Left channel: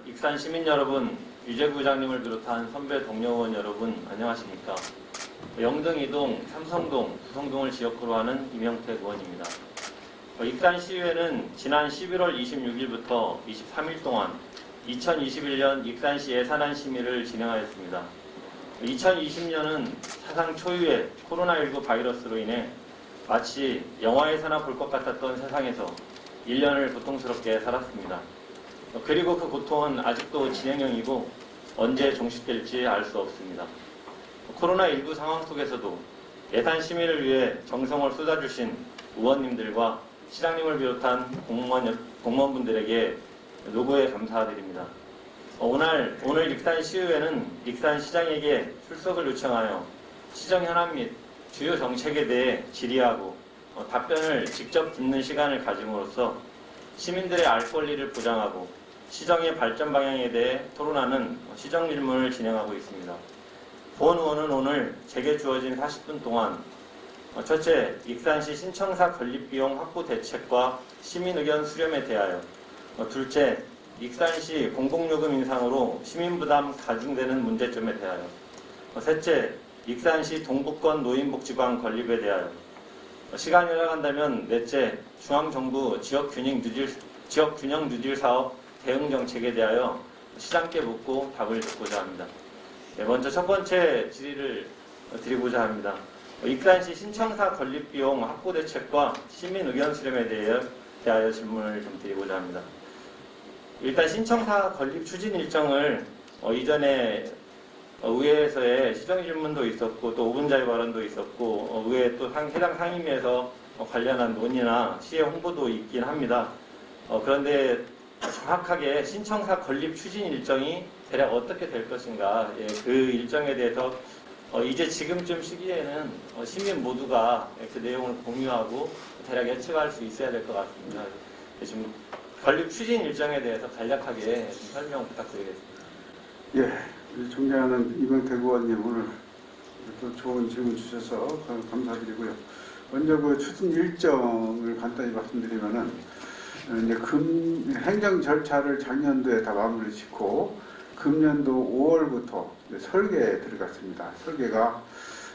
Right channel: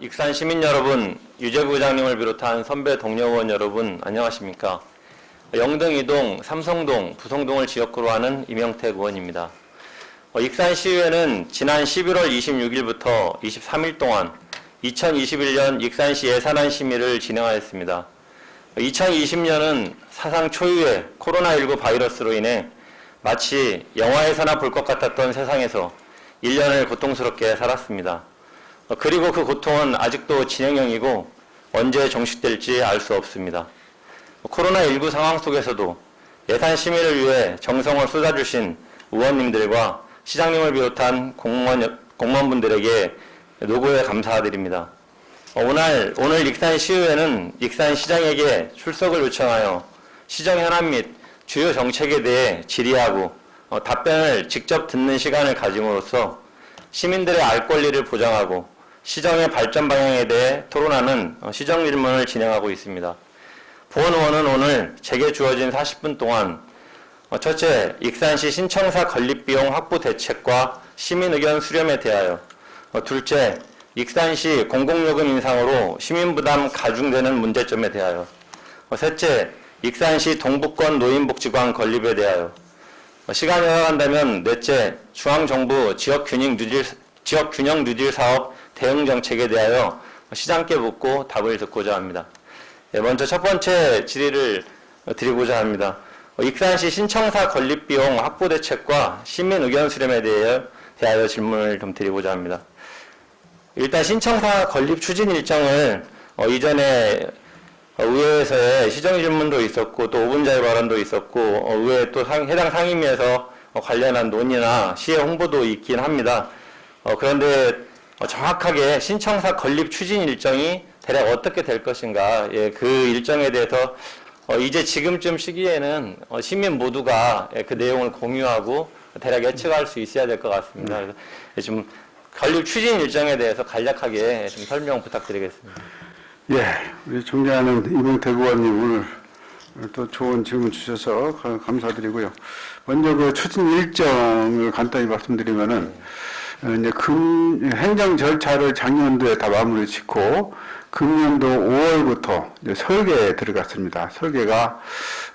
익산 시민 여러분, 유재부 부장님을 비롯한 선배 동료 의원 여러분, 안녕하십니까? 영등, 이동, 삼성동, 부성동을 지역구로 하는 이명택 의원입니다. 익산시의회는 지난 11월 26일부터 23일 동안 2021년 익산시 예산안 심의를 진행하였습니다. 2020년은 사상 초유의 코로나19 바이러스로 인해 마치 영화에서나 볼 것 같았던 세상에서 1년을 고통스럽게 살았습니다. 그리고 그 고통은 아직도 진행형이고 언제 종식될지 알 수 없습니다. 코로나19 상황 속에서도 예산 심의를 위해 정성을 쏟아주신 의원님들과 시장님을 비롯한 공무원분들에게 노고에 감사드립니다. 오늘 익산시의회는 익산시장에게 출석을 요청하여 시정 현안 및 주요 정책에 대해 질의하고 답변을 직접 듣는 시간을 가짐으로써 시민들의 알 권리를 보장하고 시정의 발전 방향에 대해 토론하는 시정 질문을 진행하고 있습니다. 본 의원은 오늘 제게 주어진 40분 동안 첫째, 익산시 신청사 건립비용 확보 대책과 시민 의견 수렴에 대하여 둘째, 익산시 공공요금 인상으로 시민부담 가중되는 문제점에 대하여 셋째, 익산시 동북권 노인복지관 건립에 대하여 시간이 흘러간다면 넷째, 중앙정부 지역균형 누질 사업 대응 정책에 대하여 시장께 묻고 답을 듣고자 합니다. 먼저 첫 번째 질의를 드리고자 합니다. 익산시 신청사 건립비용 확보 대책과 시민 의견 수렴에 대하여 질문을 좀 드리고자 합니다. 일단 신청사 건립 추진 일정을 이전에 의회에서의 시정 질문도 있었고 또 5분자의 발언도 있었고 의회 또 해당 상임위에서 관련한 논의나 시의 홍보도 있긴 합니다. 그런데 정확하게 신청사 건립 추진 일정이 대략 어떻게 될 것인가, 그 일정에 대해서 이제 지금쯤 시기에는 시민 모두가 그 내용을 공유하고 대략 예측할 수 있어야 될 것 같습니다. 그래서 지금 건립 추진 일정에 대해서 간략하게 좀 설명 부탁드리겠습니다. 예, 우리 존경하는 이명택 의원님 오늘 또 좋은 질문 주셔서 감사드리고요. 먼저 그 추진 일정을 간단히 말씀드리면은 이제 행정 절차를 작년도에 다 마무리 짓고 금년도 5월부터 이제 설계에 들어갔습니다. 설계가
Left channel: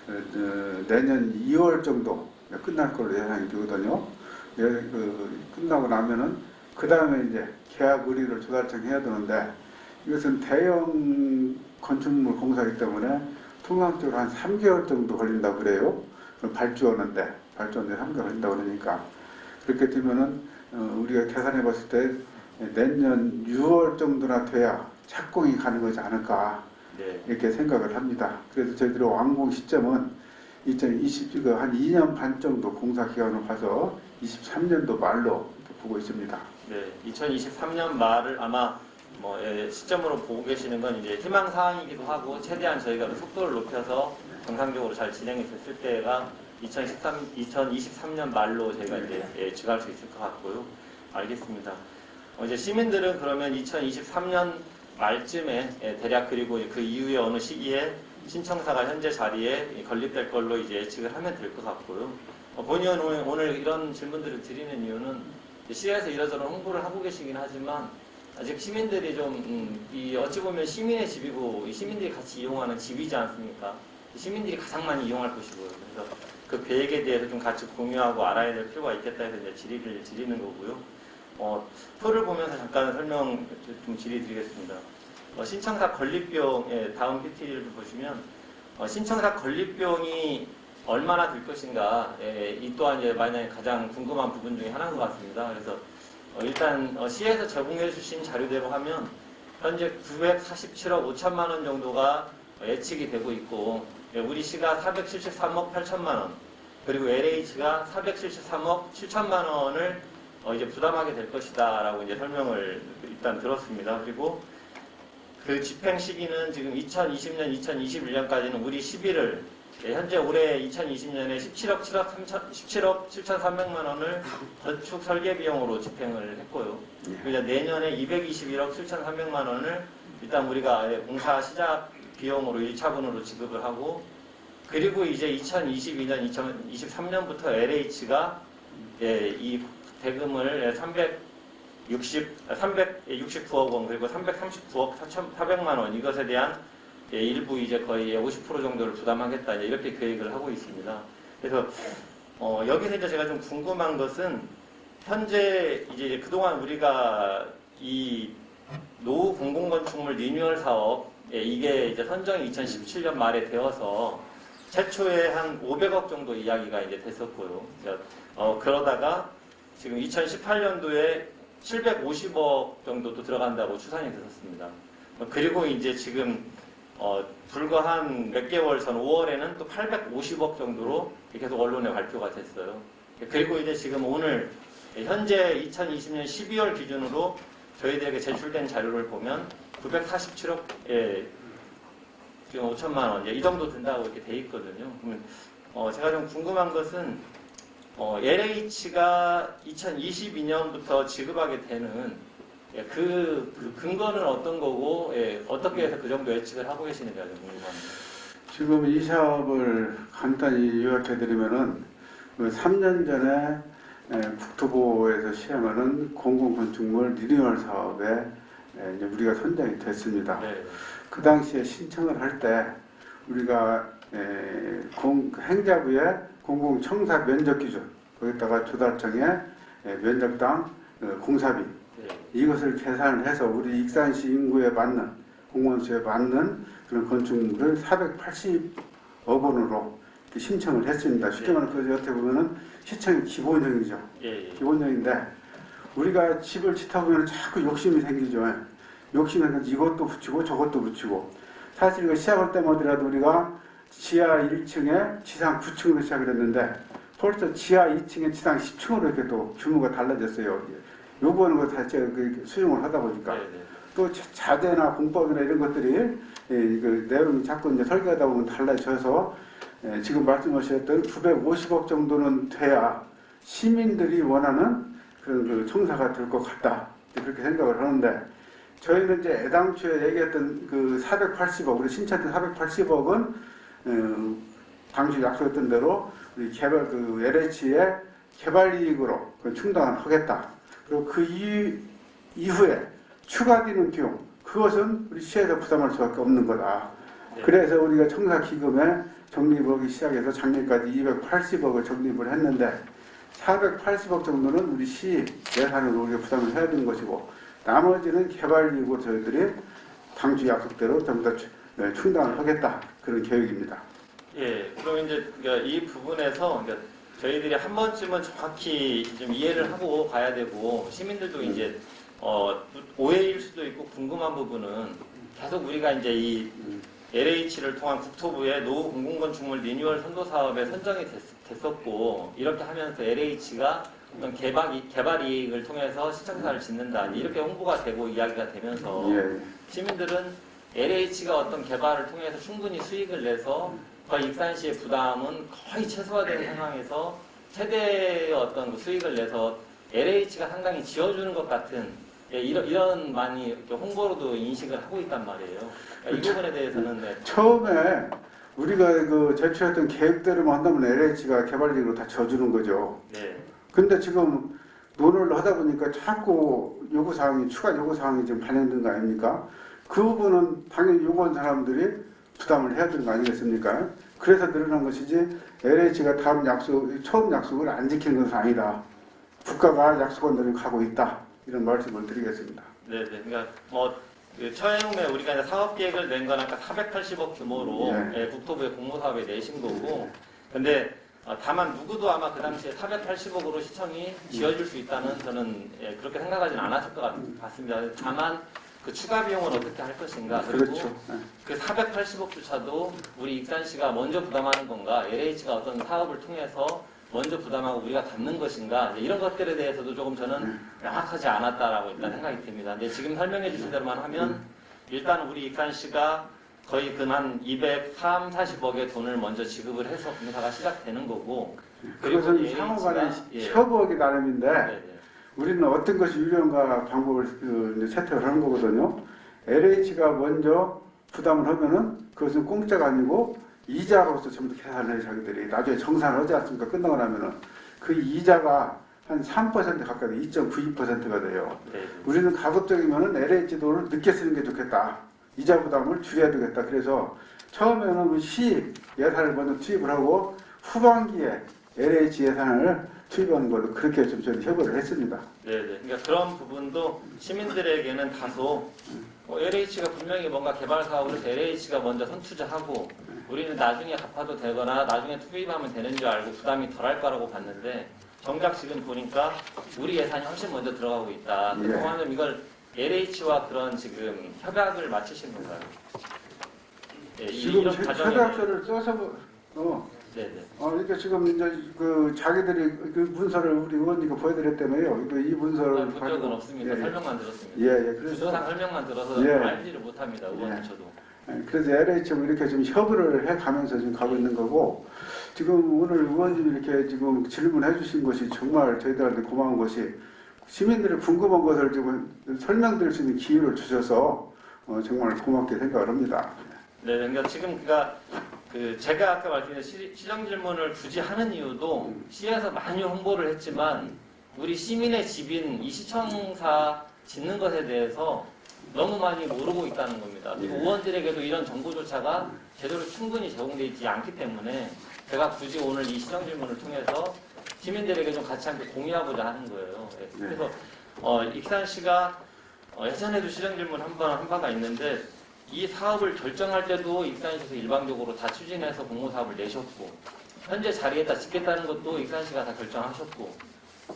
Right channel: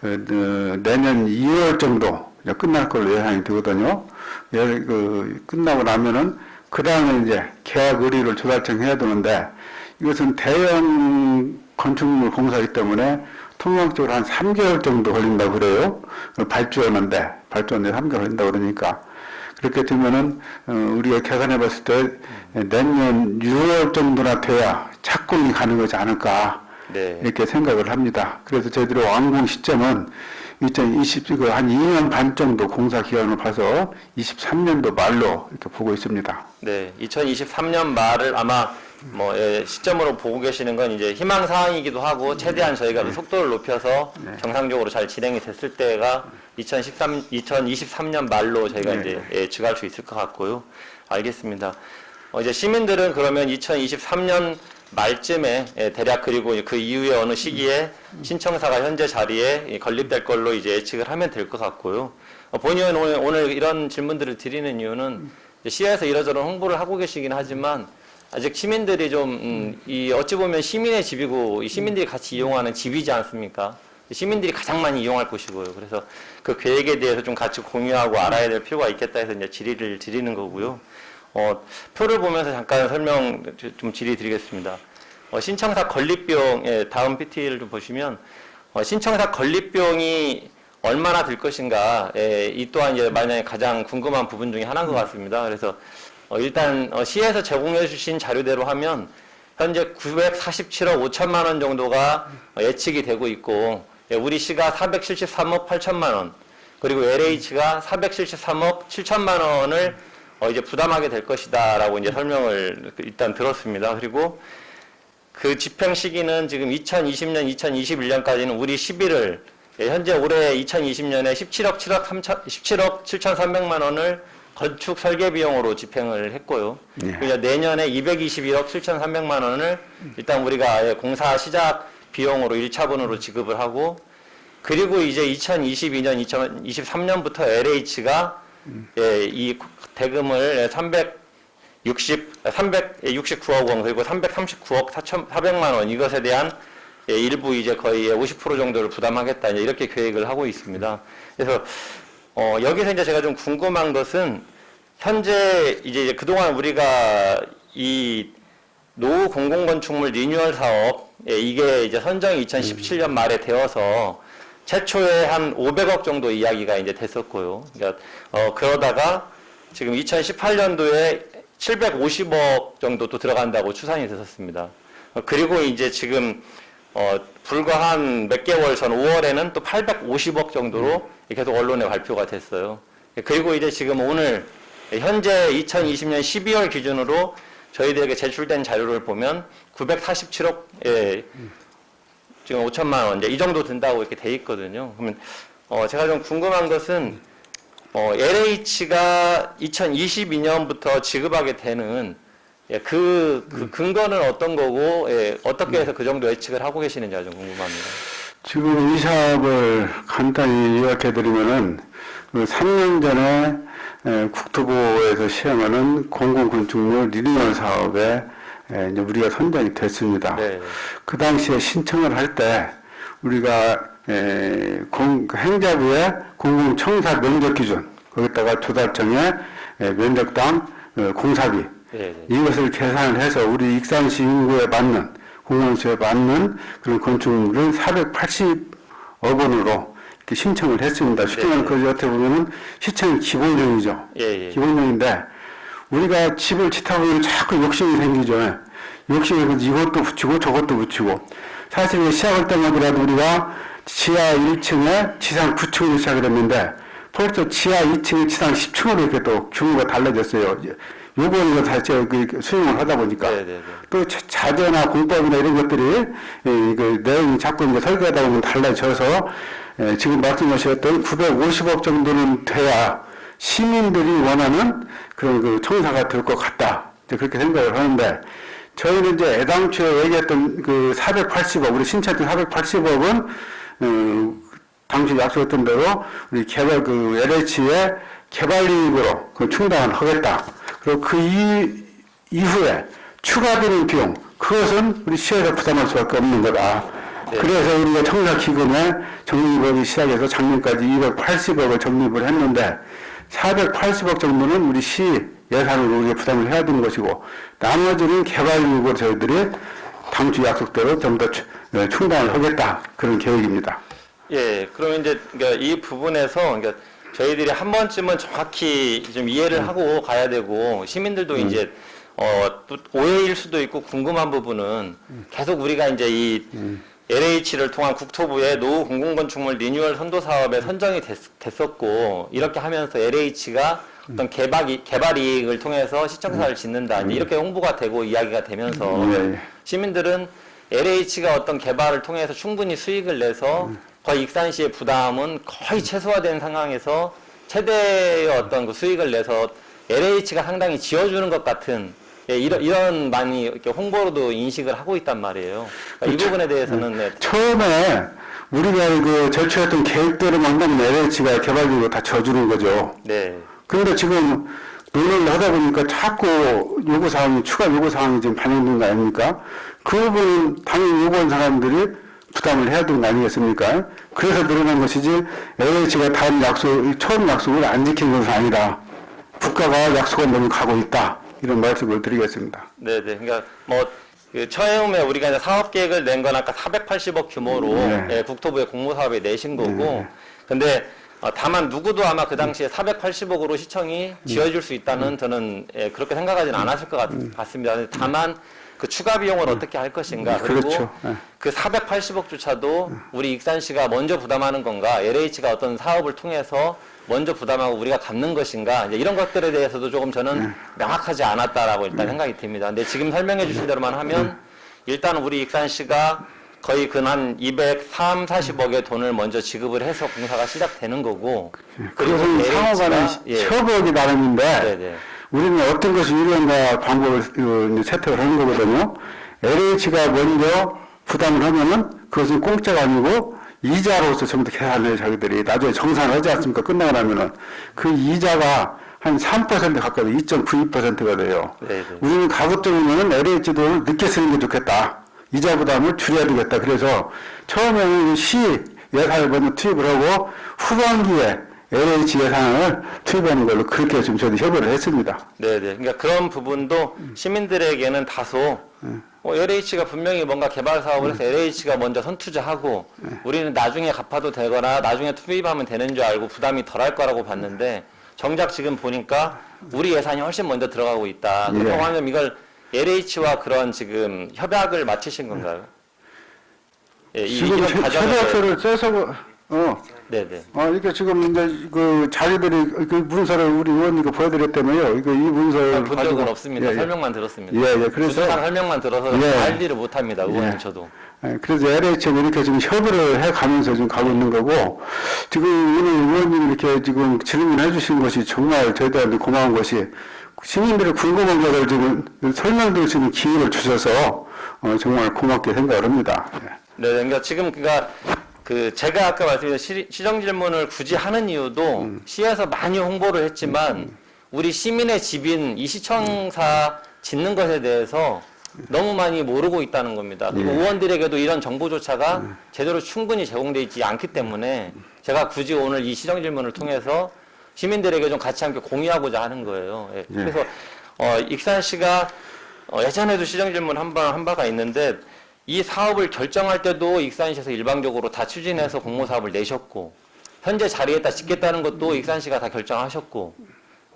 내년 2월 정도 끝날 걸로 예상이 되거든요. 끝나고 나면은 그 다음에 이제 계약 의뢰를 조달청해야 되는데 이것은 대형 건축물 공사이기 때문에 통상적으로 한 3개월 정도 걸린다고 그래요. 발주하는데 3개월 걸린다고 그러니까 그렇게 되면은 우리가 계산해 봤을 때 내년 6월 정도나 돼야 착공이 가능하지 않을까 네. 이렇게 생각을 합니다. 그래서 저희들이 완공 시점은 2020년 한 2년 반 정도 공사 기간을 봐서 23년도 말로 이렇게 보고 있습니다. 네, 2023년 말을 아마 시점으로 보고 계시는 건 이제 희망 사항이기도 하고 최대한 저희가 속도를 높여서 정상적으로 잘 진행이 됐을 때가 2023년 말로 저희가 이제 예측할 수 있을 것 같고요. 알겠습니다. 이제 시민들은 그러면 2023년 말쯤에 대략 그리고 그 이후에 어느 시기에 신청사가 현재 자리에 건립될 걸로 이제 예측을 하면 될 것 같고요. 본의원 오늘 이런 질문들을 드리는 이유는 시에서 이러저런 홍보를 하고 계시긴 하지만 아직 시민들이 좀 어찌 보면 시민의 집이고 시민들이 같이 이용하는 집이지 않습니까? 시민들이 가장 많이 이용할 곳이고요. 그래서 그 계획에 대해서 좀 같이 공유하고 알아야 될 필요가 있겠다 해서 이제 질의를 드리는 거고요. 표를 보면서 잠깐 설명 좀 질의 드리겠습니다. 신청사 건립비용, 다음 PT를 좀 보시면 신청사 건립비용이 얼마나 들 것인가, 이 또한 이제 만약에 가장 궁금한 부분 중에 하나인 것 같습니다. 그래서 일단 시에서 제공해 주신 자료대로 하면 현재 947억 5천만 원 정도가 예측이 되고 있고 우리 시가 473억 8천만 원 그리고 LH가 473억 7천만 원을 이제 부담하게 될 것이다 라고 이제 설명을 일단 들었습니다. 그리고 그 집행 시기는 지금 2020년 2021년까지는 우리 시비를 현재 올해 2020년에 17억 7,300만 원을 건축 설계 비용으로 집행을 했고요. 그래서 내년에 221억 7,300만 원을 일단 우리가 공사 시작 비용으로 1차분으로 지급을 하고 그리고 이제 2022년 2023년부터 LH가 이 대금을 369억 원 그리고 339억 4,400만 원 이것에 대한 일부 이제 거의 50% 정도를 부담하겠다 이렇게 계획을 하고 있습니다. 그래서 여기서 이제 제가 좀 궁금한 것은 현재 이제 그동안 우리가 이 노후 공공건축물 리뉴얼 사업 이게 이제 선정이 2017년 말에 되어서 최초에 한 500억 정도 이야기가 이제 됐었고요. 그러니까 그러다가 지금 2018년도에 750억 정도 또 들어간다고 추산이 됐었습니다. 그리고 이제 지금 불과 한 몇 개월 전 5월에는 또 850억 정도로 계속 언론에 발표가 됐어요. 그리고 이제 지금 오늘 현재 2020년 12월 기준으로 저희들에게 제출된 자료를 보면 947억 지금 5천만 원 이 정도 든다고 이렇게 돼 있거든요. 그러면 제가 좀 궁금한 것은 LH가 2022년부터 지급하게 되는 그 근거는 어떤 거고 어떻게 해서 그 정도 예측을 하고 계시는지가 좀 궁금합니다. 지금 이 사업을 간단히 요약해드리면은 3년 전에 국토부에서 시행하는 공공건축물 리뉴얼 사업에 이제 우리가 선정이 됐습니다. 네. 그 당시에 신청을 할 때 우리가 행자부의 공공청사 면적 기준 거기다가 조달청의 면적당 공사비 네. 이것을 계산을 해서 우리 익산시 인구에 맞는 공공시에 맞는 그런 건축물을 480억 원으로 이렇게 신청을 했습니다. 쉽게 말하면 그것이 어떻게 보면은 시청 기본령이죠. 예. 기본령인데 우리가 집을 짓다 보면 자꾸 욕심이 생기죠. 욕심이 생겨서 이것도 붙이고 저것도 붙이고 사실 시작할 때마다 우리가 지하 1층에 지상 9층으로 시작을 했는데 벌써 지하 2층에 지상 10층으로 이렇게 또 규모가 달라졌어요. 요거는 다시 수용을 하다 보니까 네네네. 또 자재나 공법이나 이런 것들이 그 내용이 자꾸 이제 설계하다 보면 달라져서 지금 말씀하셨던 950억 정도는 돼야 시민들이 원하는 그런 그 청사가 될 것 같다. 그렇게 생각을 하는데 저희는 이제 애당초에 얘기했던 그 480억, 우리 신청했던 480억은 당시 약속했던 대로 우리 LH의 개발이익으로 그 충당을 하겠다. 그리고 그 이후에 추가되는 비용, 그것은 우리 시에서 부담할 수밖에 없는 거다. 네. 그래서 우리가 청사기금에 적립하기 시작해서 작년까지 280억을 적립을 했는데 480억 정도는 우리 시 예산으로 우리가 부담을 해야 되는 것이고 나머지는 개발이익으로 저희들이 당초 약속대로 전부 다 충당을 하겠다. 그런 계획입니다. 예, 그럼 이제 그러니까 이 부분에서 그러니까 저희들이 한 번쯤은 정확히 좀 이해를 하고 가야 되고 시민들도 이제 또 오해일 수도 있고 궁금한 부분은 계속 우리가 이제 이 LH를 통한 국토부의 노후 공공건축물 리뉴얼 선도 사업에 선정이 됐었고 이렇게 하면서 LH가 어떤 개발 이익을 통해서 시청사를 짓는다 이렇게 홍보가 되고 이야기가 되면서 시민들은 LH가 어떤 개발을 통해서 충분히 수익을 내서 거의 익산시의 부담은 거의 최소화된 상황에서 최대의 어떤 그 수익을 내서 LH가 상당히 지어주는 것 같은 이런 많이 이렇게 홍보로도 인식을 하고 있단 말이에요. 그러니까 이 부분에 대해서는 처음에 우리가 그 제출했던 계획대로만 하면 LH가 개발비로 다 져주는 거죠. 네. 그런데 지금 논의를 하다 보니까 자꾸 요구사항이, 추가 요구사항이 지금 반영된 거 아닙니까? 그 부분은 당연히 요구한 사람들이 부담을 해야 되는 거 아니겠습니까? 그래서 늘어난 것이지 LH가 처음 약속을 안 지킨 것은 아니라 국가가 약속한 대로 가고 있다. 이런 말씀을 드리겠습니다. 네네. 그러니까 그 처음에 우리가 이제 사업 계획을 낸 건 아까 480억 규모로 국토부의 공모사업에 내신 거고, 근데 다만 누구도 아마 그 당시에 480억으로 시청이 지어줄 수 있다는 저는 그렇게 생각하지는 않았을 것 같습니다. 다만 그 추가 비용을 어떻게 할 것인가, 그리고 그렇죠. 그 480억조차도 우리 익산시가 먼저 부담하는 건가, LH가 어떤 사업을 통해서 먼저 부담하고 우리가 갚는 것인가, 이제 이런 것들에 대해서도 조금 저는 명확하지 않았다라고 일단 생각이 듭니다. 근데 지금 설명해 주신 대로만 하면 일단 우리 익산시가 거의 한 240억의 돈을 먼저 지급을 해서 공사가 시작되는 거고, 그리고 그것은 상호간의 협업이 나름인데 우리는 어떤 것이 유리한가 방법을 채택을 하는 거거든요. LH가 먼저 부담을 하면은 그것은 공짜가 아니고 이자로서 전부 다 계산을 자기들이 나중에 정산을 하지 않습니까? 끝나고 나면은 그 이자가 한 3% 가까이 2.92%가 돼요. 네, 네. 우리는 가급적이면 LH도 늦게 쓰는 게 좋겠다. 이자 부담을 줄여야 되겠다. 그래서 처음에는 시 예산을 먼저 투입을 하고 후반기에 LH 예산을 투입하는 걸로 그렇게 좀 저희 협의를 했습니다. 네네. 그러니까 그런 부분도 시민들에게는 다소 LH가 분명히 뭔가 개발 사업을 해서 LH가 먼저 선투자하고 우리는 나중에 갚아도 되거나 나중에 투입하면 되는 줄 알고 부담이 덜할 거라고 봤는데 정작 지금 보니까 우리 예산이 훨씬 먼저 들어가고 있다. 예. 그럼 이걸 LH와 그런 지금 협약을 마치신 건가요? 예, 지금 협약서를 써서 네네. 그러니까 지금 이제 그 자기들이 그 문서를 우리 의원님께 보여드렸다며요. 이거 이 문서를 본 적은 없습니다. 설명만 들었습니다. 그래서 주소상 설명만 들어서 알지를 못합니다. 의원님 저도. 그래서 LH는 이렇게 지금 협의를 해가면서 지금 가고 있는 거고, 지금 오늘 의원님이 이렇게 지금 질문해 주신 것이 정말 저희들한테 고마운 것이 시민들의 궁금한 것을 지금 설명드릴 수 있는 기회를 주셔서 정말 고맙게 생각을 합니다. 네, 그러니까 지금 그 제가 아까 말씀드린 시정 질문을 굳이 하는 이유도 시에서 많이 홍보를 했지만 우리 시민의 집인 이 시청사 짓는 것에 대해서 너무 많이 모르고 있다는 겁니다. 그리고 의원들에게도 이런 정보조차가 제대로 충분히 제공되어 있지 않기 때문에 제가 굳이 오늘 이 시정 질문을 통해서 시민들에게 좀 같이 함께 공유하고자 하는 거예요. 예, 그래서 익산시가 예전에도 시정 질문 한 바가 있는데 이 사업을 결정할 때도 익산시에서 일방적으로 다 추진해서 공모 사업을 내셨고 현재 자리에다 짓겠다는 것도 익산시가 다 결정하셨고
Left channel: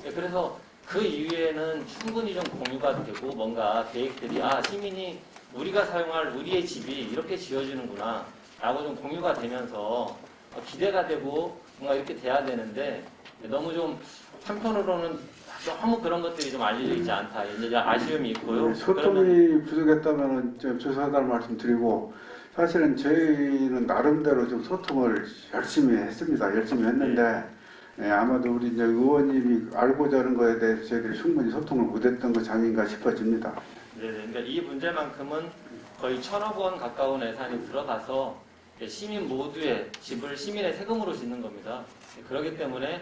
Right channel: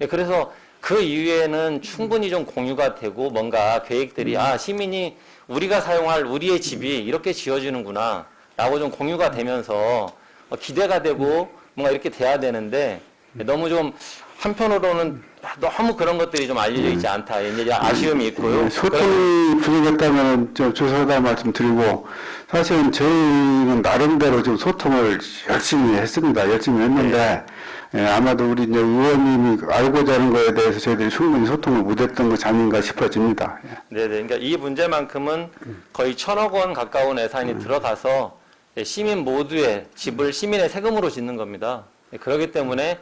그래서 그 이후에는 충분히 좀 공유가 되고 뭔가 계획들이 시민이 우리가 사용할 우리의 집이 이렇게 지어지는구나 라고 좀 공유가 되면서 기대가 되고 뭔가 이렇게 돼야 되는데 너무 좀 한편으로는 너무 그런 것들이 좀 알려져 있지 않다. 이제 아쉬움이 있고요. 소통이 부족했다면 좀 죄송하다는 말씀 드리고, 사실은 저희는 나름대로 좀 소통을 열심히 했습니다. 열심히 했는데, 아마도 우리 이제 의원님이 알고자 하는 거에 대해서 저희들이 충분히 소통을 못했던 것이 아닌가 싶어집니다. 네네. 그러니까 이 문제만큼은 거의 1,000억 원 가까운 예산이 들어가서 시민 모두의 집을 시민의 세금으로 짓는 겁니다. 그렇기 때문에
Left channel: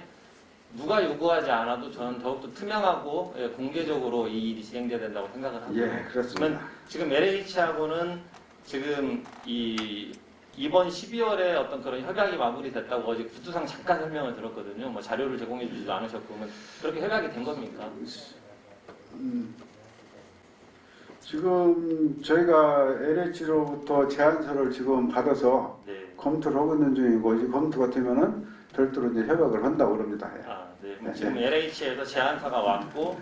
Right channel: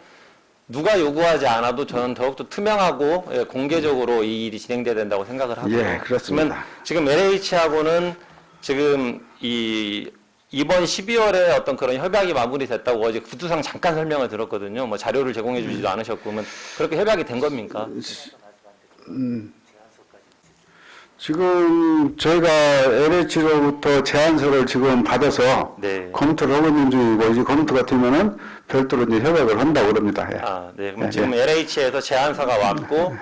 누가 요구하지 않아도 저는 더욱더 투명하고 공개적으로 이 일이 진행돼야 된다고 생각을 하고요. 예, 그렇습니다. 지금 LH하고는 지금 이번 12월에 어떤 그런 협약이 마무리됐다고 어제 구두상 잠깐 설명을 들었거든요. 뭐 자료를 제공해 주지도 않으셨고, 그러면 그렇게 협약이 된 겁니까? 지금 저희가 LH로부터 제안서를 지금 받아서 네. 검토를 하고 있는 중이고, 이제 검토가 되면은 별도로 이제 협약을 한다고 그럽니다. 네. 그럼 지금 LH에서 제안서가 왔고,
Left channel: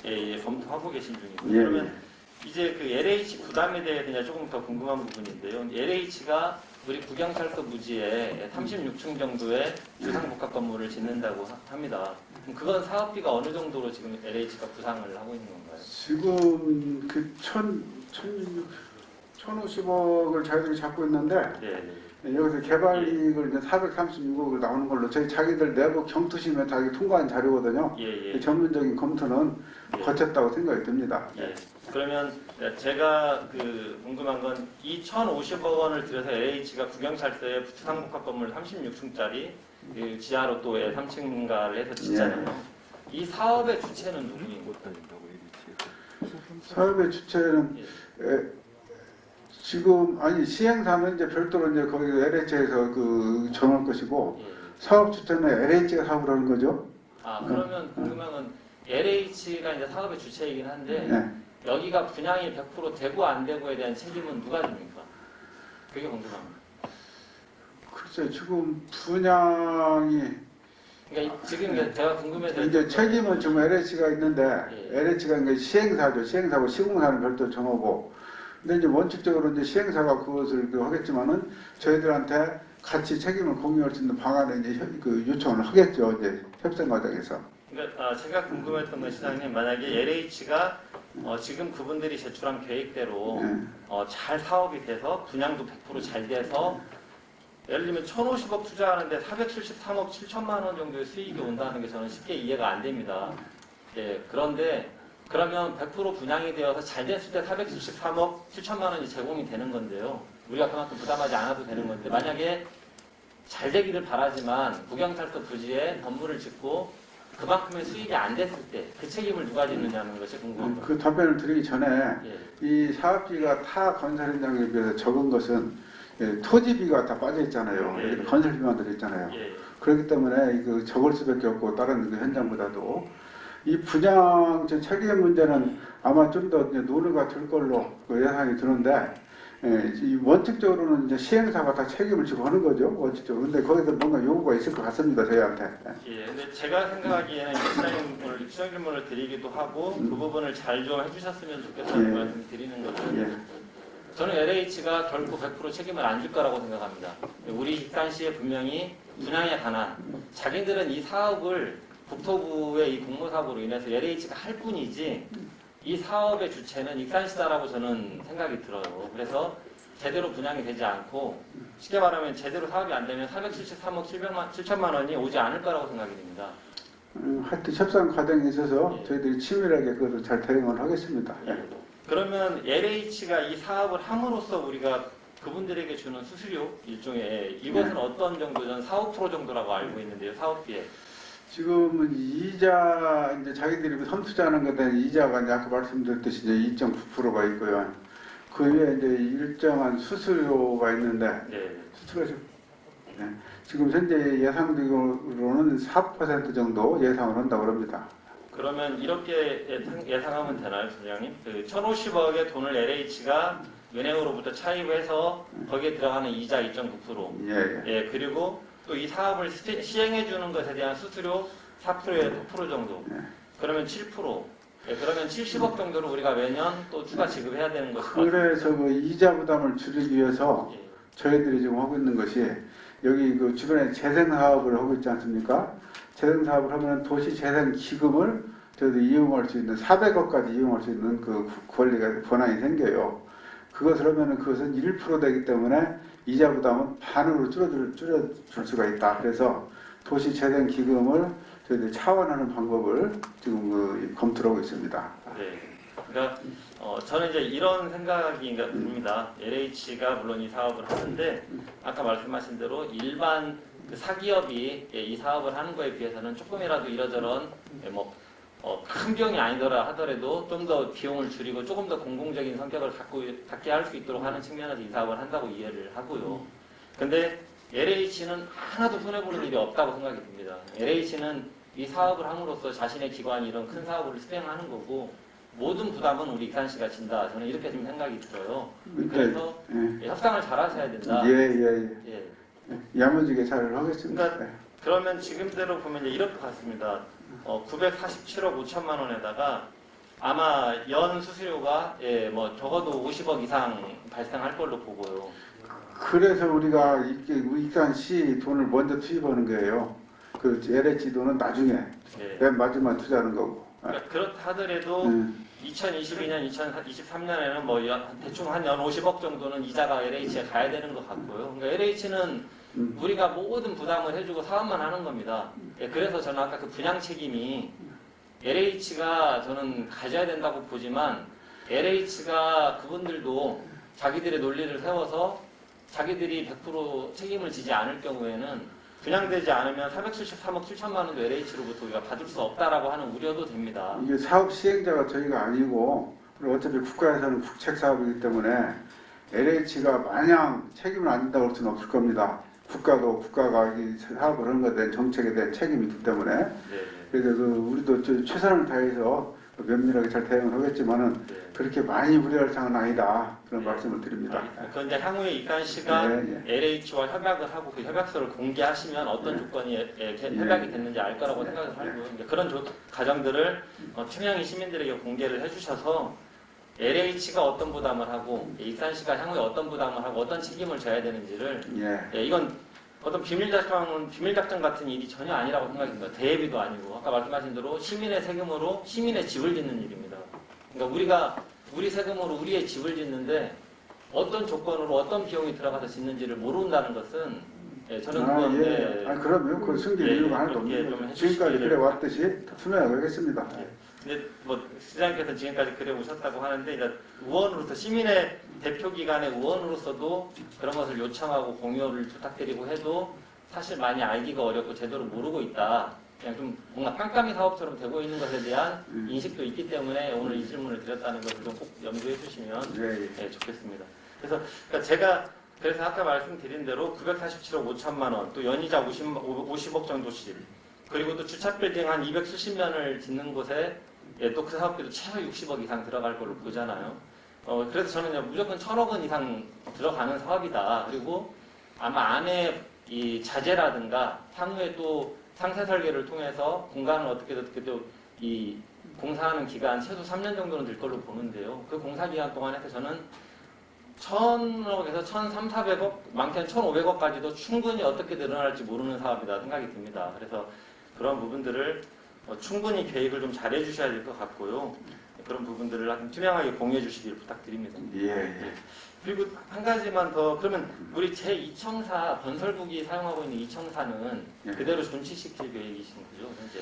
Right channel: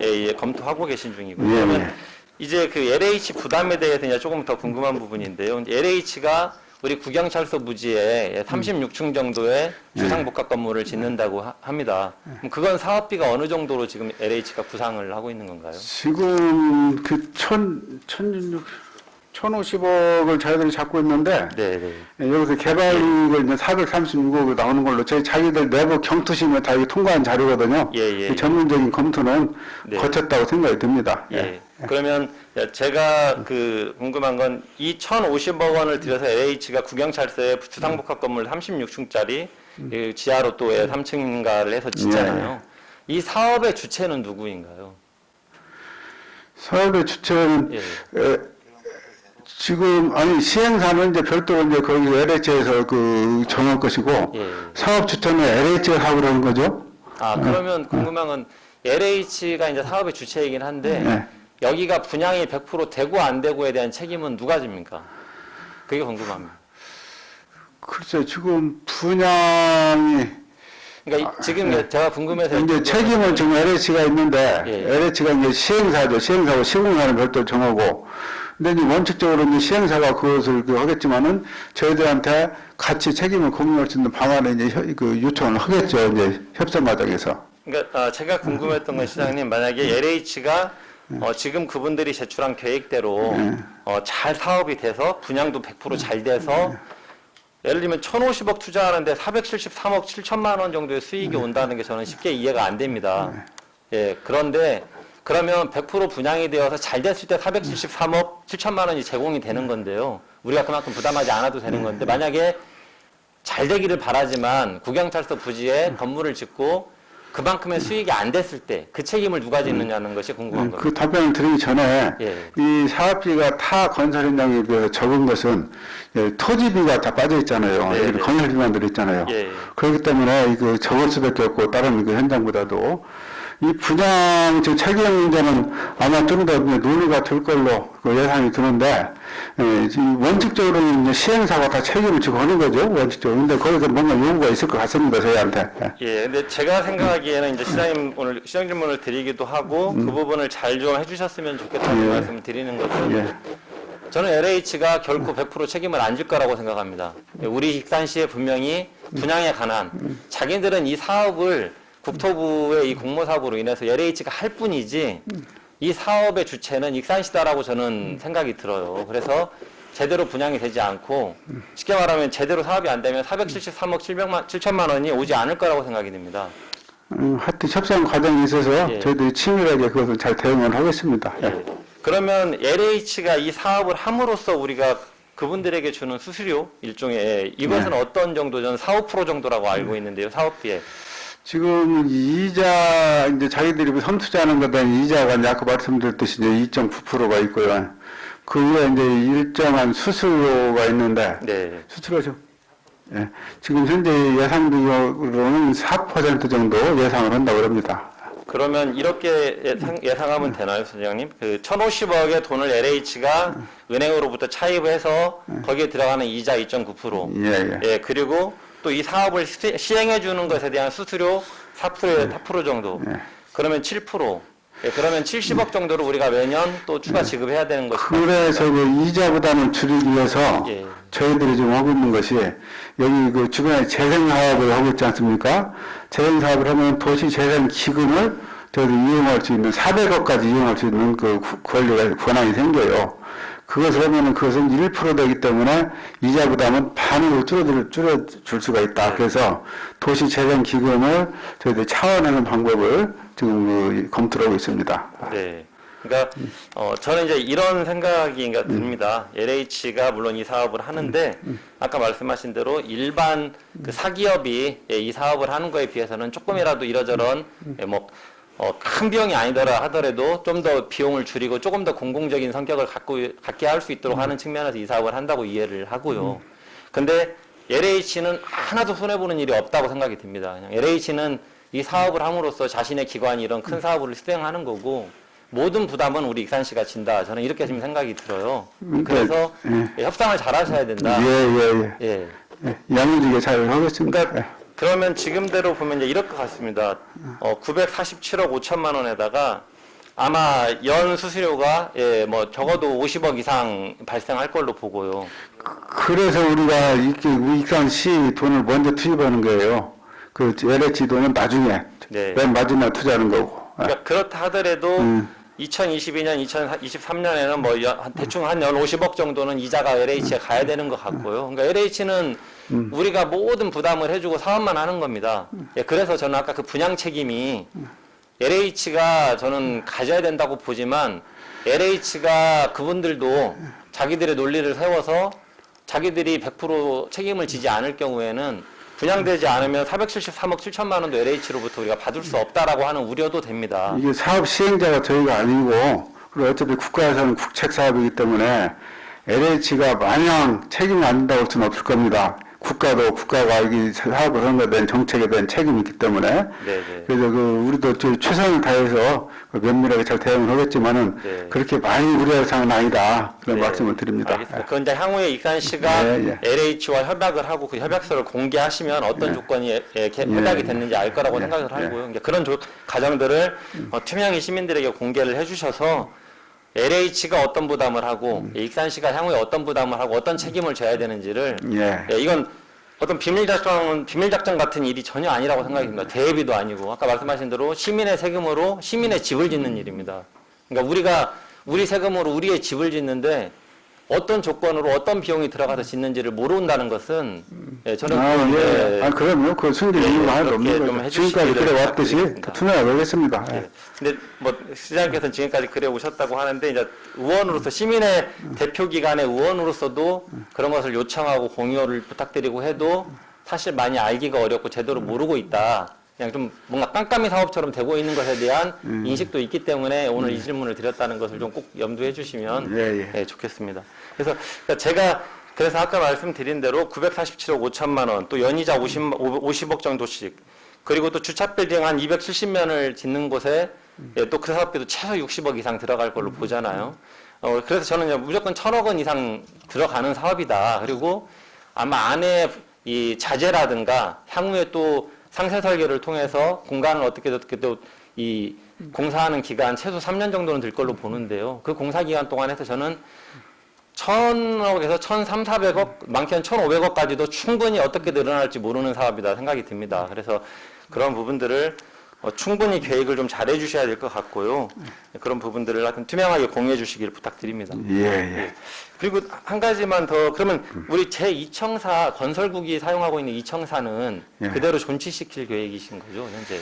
예, 검토하고 계신 중이고. 그러면 이제 그 LH 부담에 대해서 이제 조금 더 궁금한 부분인데요. LH가 우리 구경찰서 부지에 36층 정도의 주상복합 건물을 짓는다고 합니다. 그럼 그건 사업비가 어느 정도로 지금 LH가 구상을 하고 있는 건가요? 지금 그 1,050억을 자기들이 잡고 있는데, 네. 여기서 개발이익을 이제 436억이 나오는 걸로 저희 자기들 내부 경투심에 다 통과한 자료거든요. 그 전문적인 검토는 거쳤다고 생각이 듭니다. 그러면 제가 궁금한 건 이 1,050억 원을 들여서 LH가 구경찰서에 주상복합 건물 36층짜리 지하로 또 3층인가를 해서 짓잖아요. 이 사업의 주체는 누구인가요? 사업의 주체는 지금 시행사는 이제 별도로 이제 거기 LH에서 정할 것이고 사업 주체는 LH가 하고 그러는 거죠. 그러면 궁금한 건 LH가 이제 사업의 주체이긴 한데 여기가 분양이 100% 되고 안 되고에 대한 책임은 누가 집니까? 그게 궁금합니다. 글쎄 지금 분양이 그러니까 지금 제가 궁금해서 이제 책임은 지금 LH가 있는데 LH가 이제 시행사죠. 시행사고 시공사는 별도로 정하고. 근데 이제 원칙적으로 이제 시행사가 그것을 하겠지만은 저희들한테 같이 책임을 공유할 수 있는 방안을 이제 요청을 하겠죠. 이제 협상 과정에서. 그러니까 제가 궁금했던 건 시장님 만약에 LH가 지금 그분들이 제출한 계획대로 잘 사업이 돼서 분양도 100% 잘 돼서 예를 들면 1,050억 투자하는데 473억 7천만 원 정도의 수익이 온다는 게 저는 쉽게 이해가 안 됩니다. 그런데 그러면 100% 분양이 되어서 잘 됐을 때 473억 7천만 원이 제공이 되는 건데요. 우리가 그만큼 부담하지 않아도 되는 건데 만약에 잘 되기를 바라지만 구경찰서 부지에 건물을 짓고 그만큼의 수익이 안 됐을 때 그 책임을 누가 짓느냐는 것이 궁금한 그 겁니다. 답변을 드리기 전에 예. 이 사업비가 타 건설 현장에 비해서 적은 것은 토지비가 다 빠져 있잖아요. 네, 네. 건설비만 들어 있잖아요. 예. 그렇기 때문에 그 적을 수밖에 없고 다른 그 현장보다도 이 분양 즉 책임자는 아마 좀 더 논의가 될 걸로 그 예상이 드는데 원칙적으로는 이제 시행사가 다 책임을 지고 하는 거죠 원칙적으로. 근데 거기서 뭔가 요구가 있을 것 같습니다 저희한테. 예, 근데 제가 생각하기에는 이제 시장님 오늘 시장 질문을 드리기도 하고 그 부분을 잘 좀 해주셨으면 좋겠다는 예. 말씀을 드리는 것은 예. 저는 LH가 결코 100% 책임을 안 질 거라고 생각합니다. 우리 익산시에 분명히 분양에 관한 자기들은 이 사업을 국토부의 이 공모사업으로 인해서 LH가 할 뿐이지 이 사업의 주체는 익산시다라고 저는 생각이 들어요. 그래서 제대로 분양이 되지 않고 쉽게 말하면 제대로 사업이 안 되면 473억 7천만 원이 오지 않을 거라고 생각이 듭니다. 하여튼 협상 과정에 있어서 예. 저희들이 치밀하게 그것을 잘 대응을 하겠습니다. 예. 그러면 LH가 이 사업을 함으로써 우리가 그분들에게 주는 수수료 일종의 이것은 어떤 정도 전 4, 5% 정도라고 알고 있는데요. 사업비에. 지금 이자 이제 자기들이 선투자하는 것에 대한 이자가 이제 아까 말씀드렸듯이 이제 2.9%가 있고요. 그 후에 이제 일정한 수수료가 있는데 네. 수수료죠. 예. 지금 현재 예상으로는 4% 정도 예상을 한다고 합니다. 그러면 이렇게 예상하면 되나요, 선생님? 그 1,050억의 돈을 LH가 은행으로부터 차입을 해서 거기에 들어가는 이자 2.9%. 예, 예. 예, 그리고 또 이 사업을 시행해 주는 것에 대한 수수료 4% 정도. 예. 그러면 7%. 예, 그러면 70억 정도를 우리가 매년 또 추가 지급해야 되는 것이죠. 그래서 그 이자 부담을 줄이기 위해서 예. 저희들이 지금 하고 있는 것이 여기 그 주변에 재생 사업을 하고 있지 않습니까? 재생 사업을 하면 도시 재생 기금을 저희들이 이용할 수 있는 400억까지 이용할 수 있는 그 권한이 생겨요. 그것을 하면은 그것은 1% 되기 때문에 이자 부담은 반으로 줄여줄 수가 있다. 그래서 도시 재생 기금을 저희들이 차원하는 방법을 지금 검토를 하고 있습니다. 네. 그러니까 저는 이제 이런 생각이 듭니다. LH가 물론 이 사업을 하는데 아까 말씀하신 대로 일반 그 사기업이 이 사업을 하는 거에 비해서는 조금이라도 이러저런 큰 비용이 아니더라 하더라도 좀 더 비용을 줄이고 조금 더 공공적인 성격을 갖게 할 수 있도록 하는 측면에서 이 사업을 한다고 이해를 하고요. 근데 LH는 하나도 손해보는 일이 없다고 생각이 듭니다. 그냥 LH는 이 사업을 함으로써 자신의 기관이 이런 큰 사업을 수행하는 거고 모든 부담은 우리 익산시가 진다. 저는 이렇게 지금 생각이 들어요. 그래서 협상을 잘 하셔야 된다. 예. 양해지게 잘 하겠습니다. 그러면 지금대로 보면 이제 이럴 것 같습니다. 947억 5천만 원에다가 아마 연 수수료가 적어도 50억 이상 발생할 걸로 보고요. 그래서 우리가 이렇게 익산시 돈을 먼저 투입하는 거예요. 그 LH 돈은 나중에 네. 맨 마지막 투자하는 거고. 그러니까 그렇다 하더라도 2022년, 2023년에는 대충 한 연 50억 정도는 이자가 LH에 가야 되는 것 같고요. 그러니까 LH는 우리가 모든 부담을 해주고 사업만 하는 겁니다. 예, 그래서 저는 아까 그 분양 책임이 LH가 저는 가져야 된다고 보지만 LH가 그분들도 자기들의 논리를 세워서 자기들이 100% 책임을 지지 않을 경우에는 분양되지 않으면 473억 7천만 원도 LH로부터 우리가 받을 수 없다라고 하는 우려도 됩니다. 이게 사업 시행자가 저희가 아니고 그리고 어차피 국가에서는 국책 사업이기 때문에 LH가 마냥 책임이 안 진다고 할 수는 없을 겁니다. 국가가 이 사업을 하는 것에 대한 정책에 대한 책임이 있기 때문에 네네. 그래서 우리도 최선을 다해서 면밀하게 잘 대응을 하겠지만은 네. 그렇게 많이 우려할 사항은 아니다 그런 네. 말씀을 드립니다. 알겠습니다. 그건 이제 향후에 익산시가 LH와 협약을 하고 그 협약서를 공개하시면 어떤 조건이 협약이 됐는지 알 거라고 생각을 하고요. 이제 그런 과정들을 투명히 시민들에게 공개를 해주셔서 LH가 어떤 부담을 하고 익산시가 향후에 어떤 부담을 하고 어떤 책임을 져야 되는지를 이건 어떤 비밀 작전 같은 일이 전혀 아니라고 생각이 듭니다. 대비도 아니고 아까 말씀하신 대로 시민의 세금으로 시민의 집을 짓는 일입니다. 그러니까 우리 세금으로 우리의 집을 짓는데 어떤 조건으로 어떤 비용이 들어가서 짓는지를 모른다는 것은 저는 그럼요. 그 숨길 이유가 하나도 없는 거죠. 지금까지 그래왔듯이 투명하게 하겠습니다. 근데 시장님께서는 지금까지 그래 오셨다고 하는데 이제 의원으로서 시민의 대표기관의 의원으로서도 그런 것을 요청하고 공유를 부탁드리고 해도 사실 많이 알기가 어렵고 제대로 모르고 있다. 그냥 좀 뭔가 깜깜이 사업처럼 되고 있는 것에 대한 인식도 있기 때문에 오늘 이 질문을 드렸다는 것을 좀 꼭 염두해 주시면 예, 좋겠습니다. 그래서 제가 그래서 아까 말씀드린 대로 947억 5천만 원, 또 연이자 50억 정도씩, 그리고 또 주차 빌딩 한 270면을 짓는 곳에 예, 또 그 사업비도 최소 60억 이상 들어갈 걸로 보잖아요. 그래서 저는 이제 무조건 1,000억 원 이상 들어가는 사업이다. 그리고 아마 안에 이 자재라든가 향후에 또 상세 설계를 통해서 공간을 어떻게 또 이 공사하는 기간 최소 3년 정도는 들 걸로 보는데요. 그 공사 기간 동안에서 저는 1,000억에서 1,300~400억, 많게는 1,500억까지도 충분히 어떻게 늘어날지 모르는 사업이다 생각이 듭니다. 그래서 그런 부분들을 충분히 계획을 좀 잘해 주셔야 될 것 같고요. 그런 부분들을 하여튼 투명하게 공유해 주시길 부탁드립니다. 예. 그리고 한 가지만 더, 그러면 우리 제2청사 건설국이 사용하고 있는 이 청사는 예. 그대로 존치시킬 계획이신 거죠, 현재?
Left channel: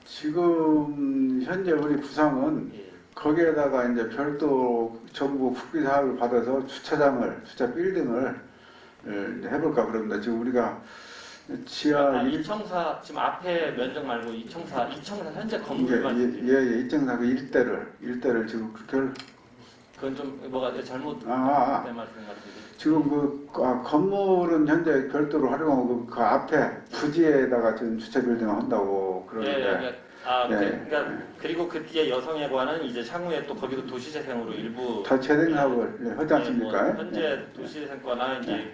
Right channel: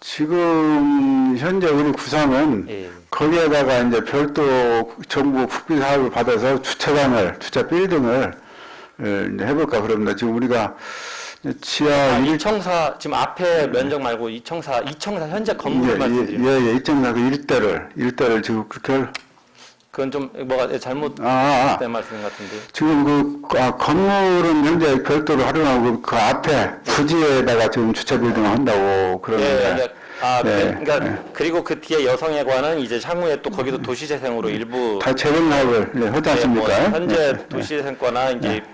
지금 현재 우리 구상은 예. 거기에다가 이제 별도 정부 국비 사업을 받아서 주차장을, 주차 빌딩을 이제 해볼까 그럽니다. 지금 우리가 지하 이 청사 지금 앞에 면적 말고 이 청사 현재 건물 말씀드립니다. 이 청사 그 일대를 지금 그렇게 그건 좀 뭐가 잘못된 말씀 같은데. 지금 건물은 현재 별도로 활용하고 그 앞에 부지에다가 지금 주차 빌딩을 한다고 그러는데. 그러니까 그리고 그 뒤에 여성회관은 이제 향후에 또 거기도 도시재생으로 일부 다 재정 사업을 하지 않습니까? 현재 도시재생과나 이제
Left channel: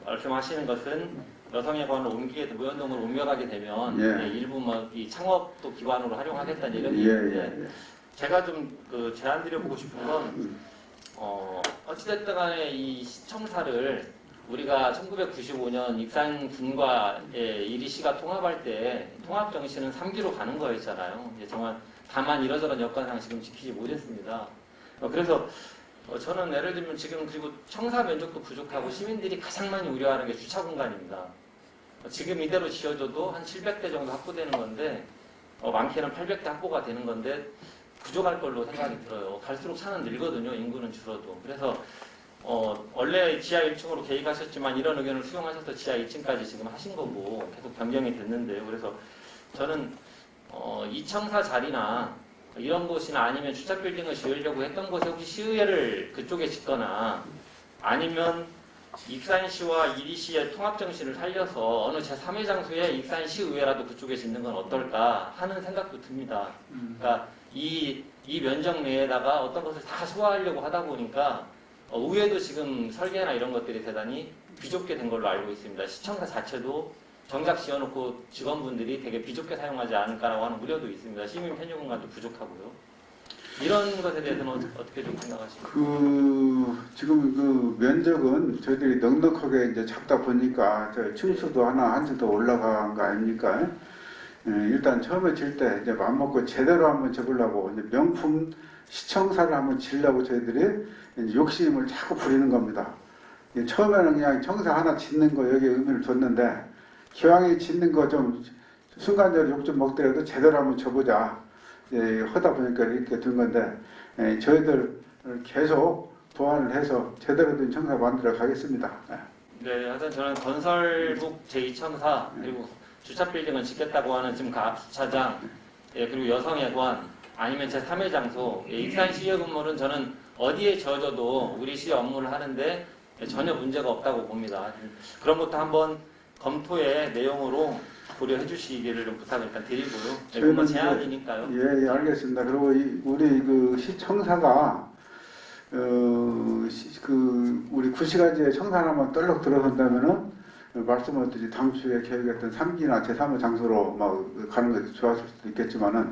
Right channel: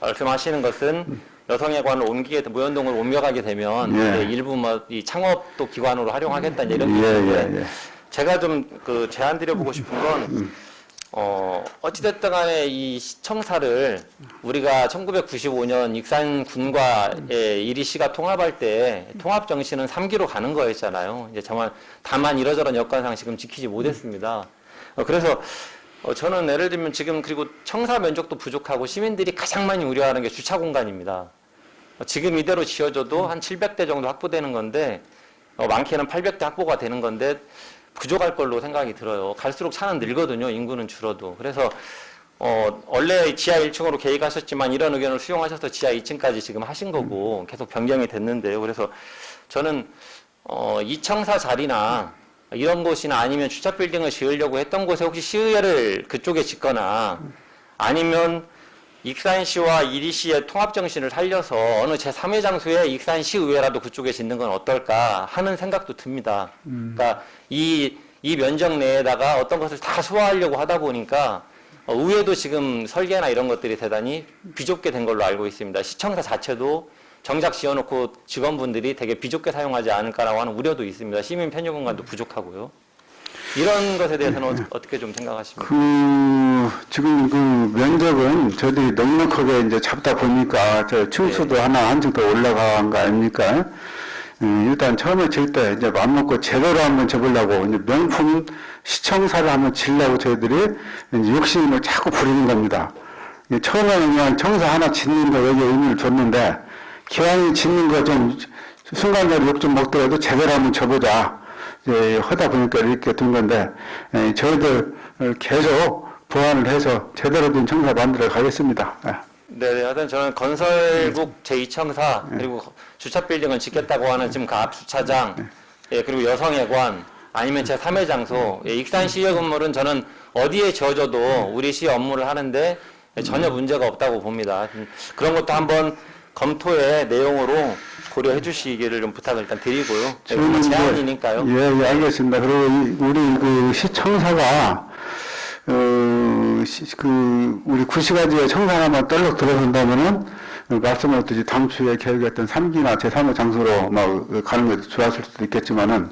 말씀하시는 것은 여성회관을 무연동을 옮겨가게 되면 이제 일부 이 창업도 기관으로 활용하겠다 이런 게 있는데 제가 좀 그 제안 드려보고 싶은 건 어찌됐든 간에 이 시청사를 우리가 1995년 익산군과의 이리시가 통합할 때 통합 정신은 3기로 가는 거였잖아요. 이제 정말 다만 이러저런 여건상 지금 지키지 못했습니다. 그래서 저는 예를 들면 지금 그리고 청사 면적도 부족하고 시민들이 가장 많이 우려하는 게 주차 공간입니다. 지금 이대로 지어져도 한 700대 정도 확보되는 건데 많게는 800대 확보가 되는 건데 부족할 걸로 생각이 들어요. 갈수록 차는 늘거든요. 인구는 줄어도. 그래서 원래 지하 1층으로 계획하셨지만 이런 의견을 수용하셔서 지하 2층까지 지금 하신 거고 계속 변경이 됐는데요. 그래서 저는 이청사 자리나 이런 곳이나 아니면 주차 빌딩을 지으려고 했던 곳에 혹시 시의회를 그쪽에 짓거나 아니면 익산시와 이리시의 통합 정신을 살려서 어느 제3의 장소에 익산시의회라도 그쪽에 짓는 건 어떨까 하는 생각도 듭니다. 그러니까 이 면적 내에다가 어떤 것을 다 소화하려고 하다 보니까 의회도 지금 설계나 이런 것들이 대단히 비좁게 된 걸로 알고 있습니다. 시청사 자체도 정작 지어놓고 직원분들이 되게 비좁게 사용하지 않을까라고 하는 우려도 있습니다. 시민 편의 공간도 부족하고요. 이런 것에 대해서는 어떻게 좀 생각하십니까? 지금 그 면적은 저희들이 넉넉하게 이제 잡다 보니까 저 층수도 하나 한층 더 올라간 거 아닙니까? 일단 처음에 질 때 이제 맘먹고 제대로 한번 접으려고 이제 명품 시청사를 한번 지려고 저희들이 이제 욕심을 자꾸 부리는 겁니다. 처음에는 그냥 청사 하나 짓는 거 여기 의미를 줬는데 기왕에 짓는 거 좀 순간적으로 욕 좀 먹더라도 제대로 한번 접보자. 하다 보니까 이렇게 된 건데 저희들 계속 보완을 해서 제대로 된 청사 만들어 가겠습니다. 네, 하여튼 저는 건설국 제2청사 그리고 주차 빌딩을 짓겠다고 하는 지금 그 앞 주차장 그리고 여성회관 아니면 제3의 장소 익산시의 건물은 저는 어디에 지어져도 우리 시 업무를 하는데 전혀 문제가 없다고 봅니다. 그런 것도 한번 검토의 내용으로 고려해 주시기를 좀 부탁을 일단 드리고요. 제안이니까요. 예, 알겠습니다. 그리고 우리 그 시청사가 우리 구시가지에 청사 하나만 떨록 들어선다면은 말씀하셨듯이 당초에 계획했던 3기나 제3의 장소로 막 가는 것도 좋았을 수도 있겠지만은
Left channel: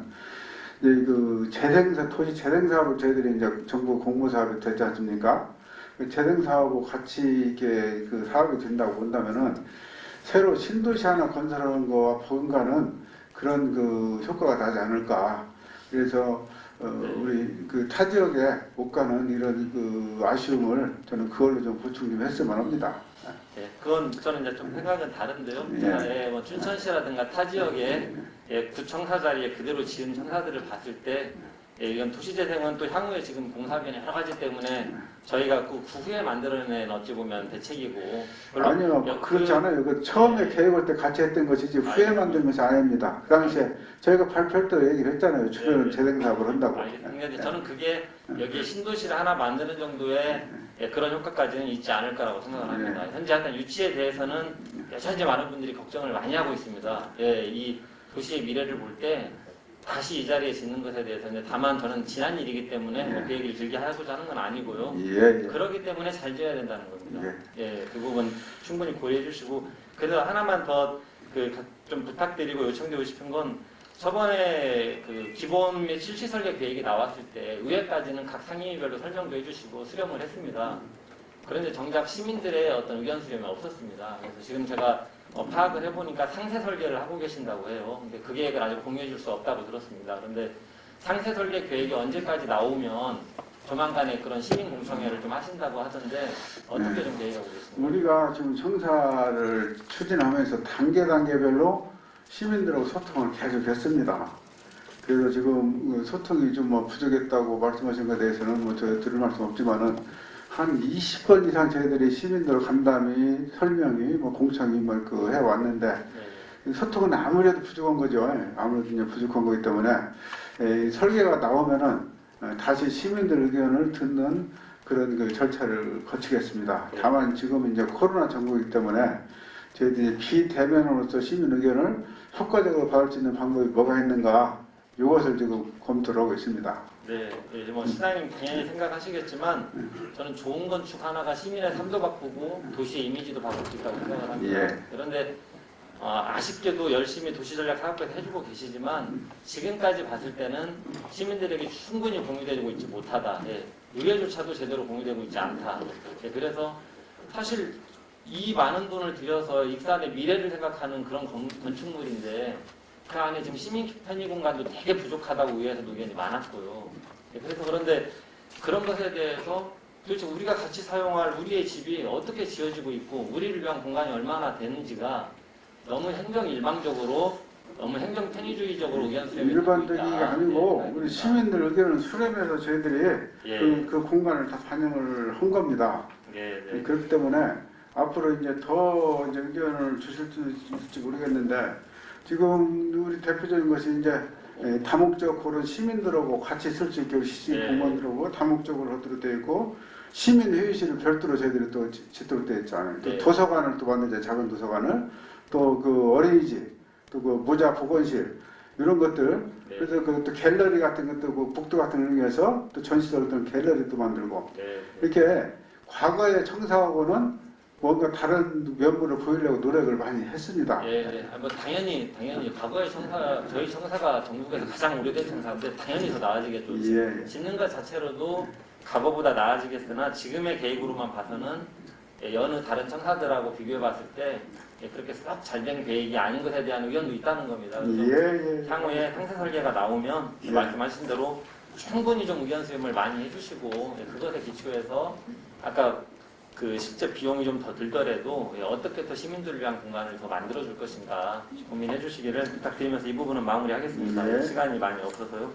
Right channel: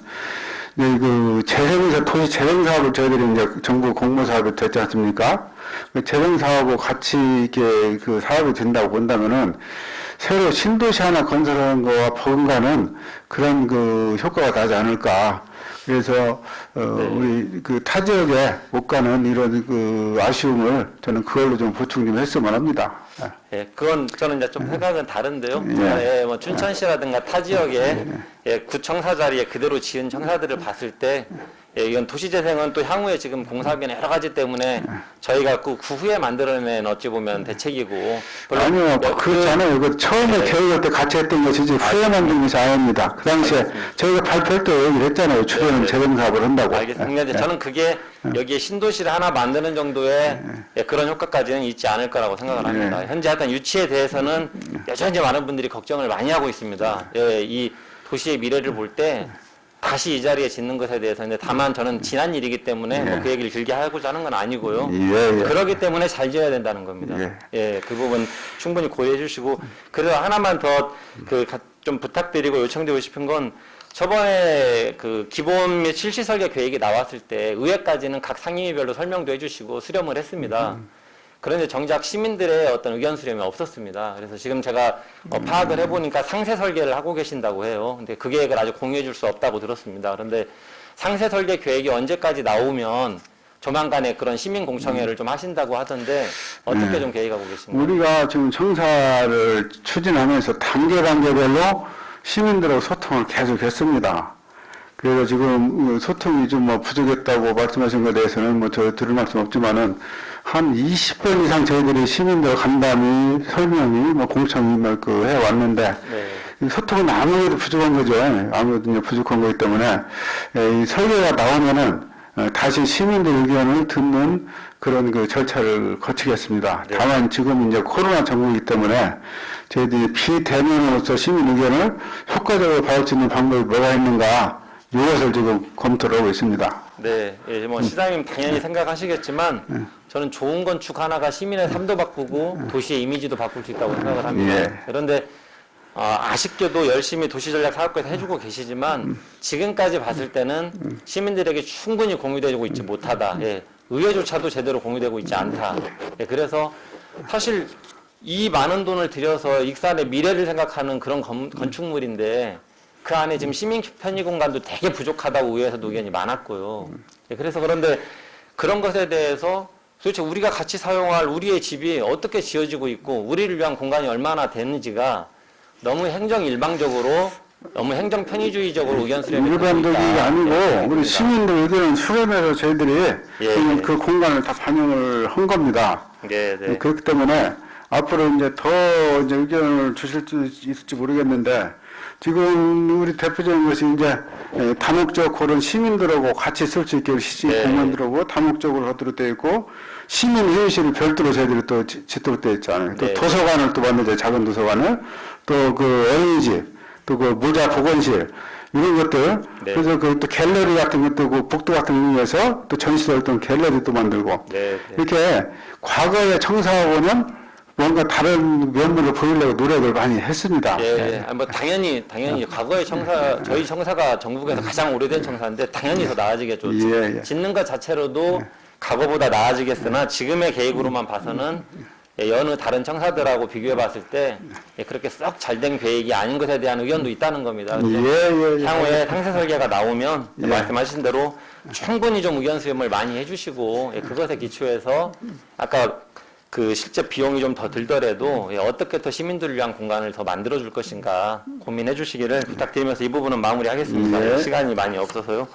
그 재생사 토지 재생 사업을 저희들이 이제 정부 공모 사업이 됐지 않습니까? 그 재생 사업하고 같이 이렇게 그 사업이 된다고 본다면은 새로 신도시 하나 건설하는 거와 버금가는 그런 그 효과가 나지 않을까. 그래서 우리 그 타 지역에 못 가는 이런 그 아쉬움을 저는 그걸로 좀 보충 좀 했으면 합니다. 예, 그건 저는 이제 좀 생각은 다른데요. 뭐 춘천시라든가 타 지역에 구청사 자리에 그대로 지은 청사들을 봤을 때 예, 이건 도시재생은 또 향후에 지금 공사하기는 여러 가지 때문에 저희가 그 후에 만들어낸 어찌 보면 대책이고. 아니요, 그렇지 않아요. 그 처음에 계획할 때 같이 했던 것이지 후에 만든 것이 아닙니다. 그 당시에 저희가 발표할 때 얘기를 했잖아요. 주변은 재정 사업을 한다고. 알겠습니다. 근데 저는 그게 여기에 신도시를 하나 만드는 정도의 예, 그런 효과까지는 있지 않을 거라고 생각을 합니다. 현재 하여튼 유치에 대해서는 여전히 많은 분들이 걱정을 많이 하고 있습니다. 예, 이 도시의 미래를 볼 때 다시 이 자리에 짓는 것에 대해서는 다만 저는 지난 일이기 때문에 뭐그 얘기를 길게 하고자 하는 건 아니고요. 그렇기 때문에 잘 지어야 된다는 겁니다. 예, 그 부분 충분히 고려해 주시고 그래서 하나만 더 좀 부탁드리고 요청드리고 싶은 건 저번에 그 기본 및 실시 설계 계획이 나왔을 때 의회까지는 각 상임위별로 설명도 해주시고 수렴을 했습니다. 그런데 정작 시민들의 어떤 의견 수렴이 없었습니다. 그래서 지금 제가 파악을 해보니까 상세 설계를 하고 계신다고 해요. 근데 그 계획을 아직 공유해 줄 수 없다고 들었습니다. 그런데 상세 설계 계획이 언제까지 나오면 조만간에 그런 시민 공청회를 좀 하신다고 하던데 어떻게 좀 계획하고 계신가요? 우리가 지금 청사를 추진하면서 단계별로 시민들하고 소통을 계속했습니다. 그래서 지금 소통이 좀 부족했다고 말씀하신 것에 대해서는 저 들을 말씀 없지만은 한 20번 이상 저희들이 시민들 간담회, 설명이, 공청이 해왔는데, 소통은 아무래도 부족한 거죠. 아무래도 이제 부족한 거기 때문에, 이 설계가 나오면은, 다시 시민들 의견을 듣는 그런 절차를 거치겠습니다. 다만 지금 이제 코로나 정부이기 때문에, 저희들이 비대면으로서 시민 의견을 효과적으로 받을 수 있는 방법이 뭐가 있는가, 이것을 지금 검토를 하고 있습니다. 네, 예, 시장님 당연히 생각하시겠지만 저는 좋은 건축 하나가 시민의 삶도 바꾸고 도시의 이미지도 바꿀 수 있다고 생각을 합니다. 그런데 아쉽게도 열심히 도시전략사업까지 해주고 계시지만 지금까지 봤을 때는 시민들에게 충분히 공유되고 있지 못하다. 예, 의회조차도 제대로 공유되고 있지 않다. 예, 그래서 사실 이 많은 돈을 들여서 익산의 미래를 생각하는 그런 건축물인데 그 안에 지금 시민 편의 공간도 되게 부족하다고 의회에서도 의견이 많았고요. 예, 그래서 그런데 그런 것에 대해서 도대체 우리가 같이 사용할 우리의 집이 어떻게 지어지고 있고 우리를 위한 공간이 얼마나 되는지가 너무 행정 일방적으로 너무 행정 편의주의적으로 의견 수렴이 일반적인 게 아니고 우리 시민들 의견을 수렴해서 저희들이 그 공간을 다 반영을 한 겁니다. 그렇기 때문에 앞으로 이제 더 의견을 주실 수 있을지 모르겠는데 지금 우리 대표적인 것이 이제 다목적 그런 시민들하고 같이 쓸 수 있게 시지 공원들하고 다목적으로 하도록 되어 있고 시민회의실을 별도로 저희들이 또 짓도록 되어 있잖아요. 또 도서관을 또 만들죠. 작은 도서관을 또 어린이집 또 모자 보건실 이런 것들 그래서 또 갤러리 같은 것도 복도 같은 거 이용해서 또 전시될 어떤 갤러리도 만들고 이렇게 과거에 청사하고 보면 뭔가 다른 면모를 보이려고 노력을 많이 했습니다. 당연히 과거의 저희 청사가 전국에서 가장 오래된 청사인데 당연히 더 나아지겠죠. 짓는 것 자체로도 과거보다 나아지겠으나 지금의 계획으로만 봐서는 여느 다른 청사들하고 비교해 봤을 때 그렇게 썩 잘된 계획이 아닌 것에 대한 의견도 있다는 겁니다. 향후에 상세 설계가 나오면 말씀하신 대로 충분히 좀 의견 수렴을 많이 해주시고 그것에 기초해서 아까 실제 비용이 좀 더 들더라도 어떻게 더 시민들을 위한 공간을 더 만들어줄 것인가 고민해 주시기를 부탁드리면서 이 부분은 마무리하겠습니다. 시간이 많이 없어서요.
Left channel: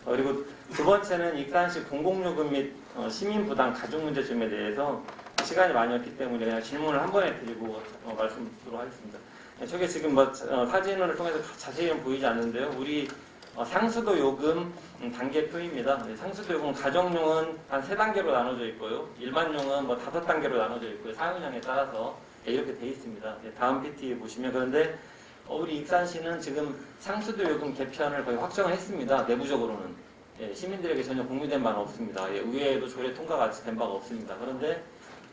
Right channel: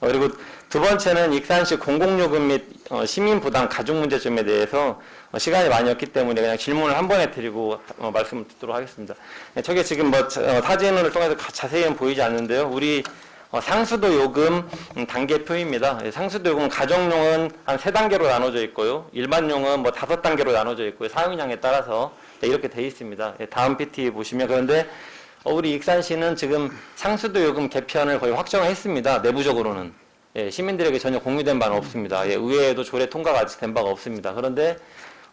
그리고 두 번째는 익산시 공공요금 및 시민부담 가중문제점에 대해서 시간이 많이 없기 때문에 그냥 질문을 한 번에 드리고 말씀을 듣도록 하겠습니다. 저게 지금 사진을 통해서 자세히는 보이지 않는데요. 우리 상수도 요금 단계표입니다. 상수도 요금 가정용은 한 3단계로 나눠져 있고요. 일반용은 5단계로 나눠져 있고요. 사용량에 따라서 이렇게 되어 있습니다. 다음 PT 보시면 그런데 우리 익산시는 지금 상수도 요금 개편을 거의 확정을 했습니다. 내부적으로는. 시민들에게 전혀 공유된 바는 없습니다. 의회에도 조례 통과가 아직 된 바가 없습니다. 그런데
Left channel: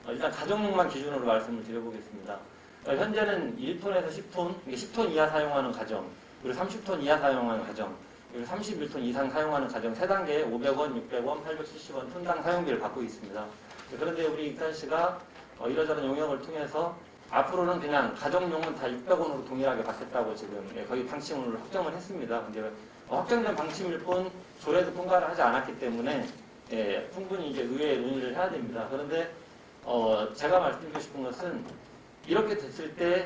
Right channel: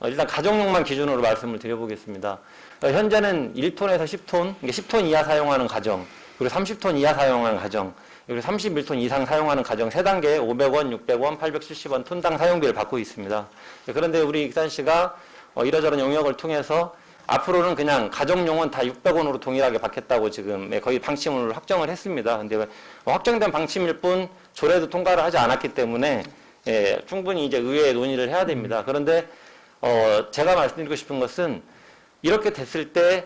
일단 가정용만 기준으로 말씀을 드려보겠습니다. 현재는 1톤에서 10톤, 10톤 이하 사용하는 가정, 그리고 30톤 이하 사용하는 가정, 그리고 31톤 이상 사용하는 가정 3단계 500원, 600원, 870원 톤당 사용비를 받고 있습니다. 그런데 우리 익산시가 이러저런 용역을 통해서 앞으로는 그냥 가정용은 다 600원으로 동일하게 받겠다고 지금 거의 방침을 확정을 했습니다. 근데 확정된 방침일 뿐 조례도 통과를 하지 않았기 때문에 충분히 이제 의회에 논의를 해야 됩니다. 그런데 제가 말씀드리고 싶은 것은 이렇게 됐을 때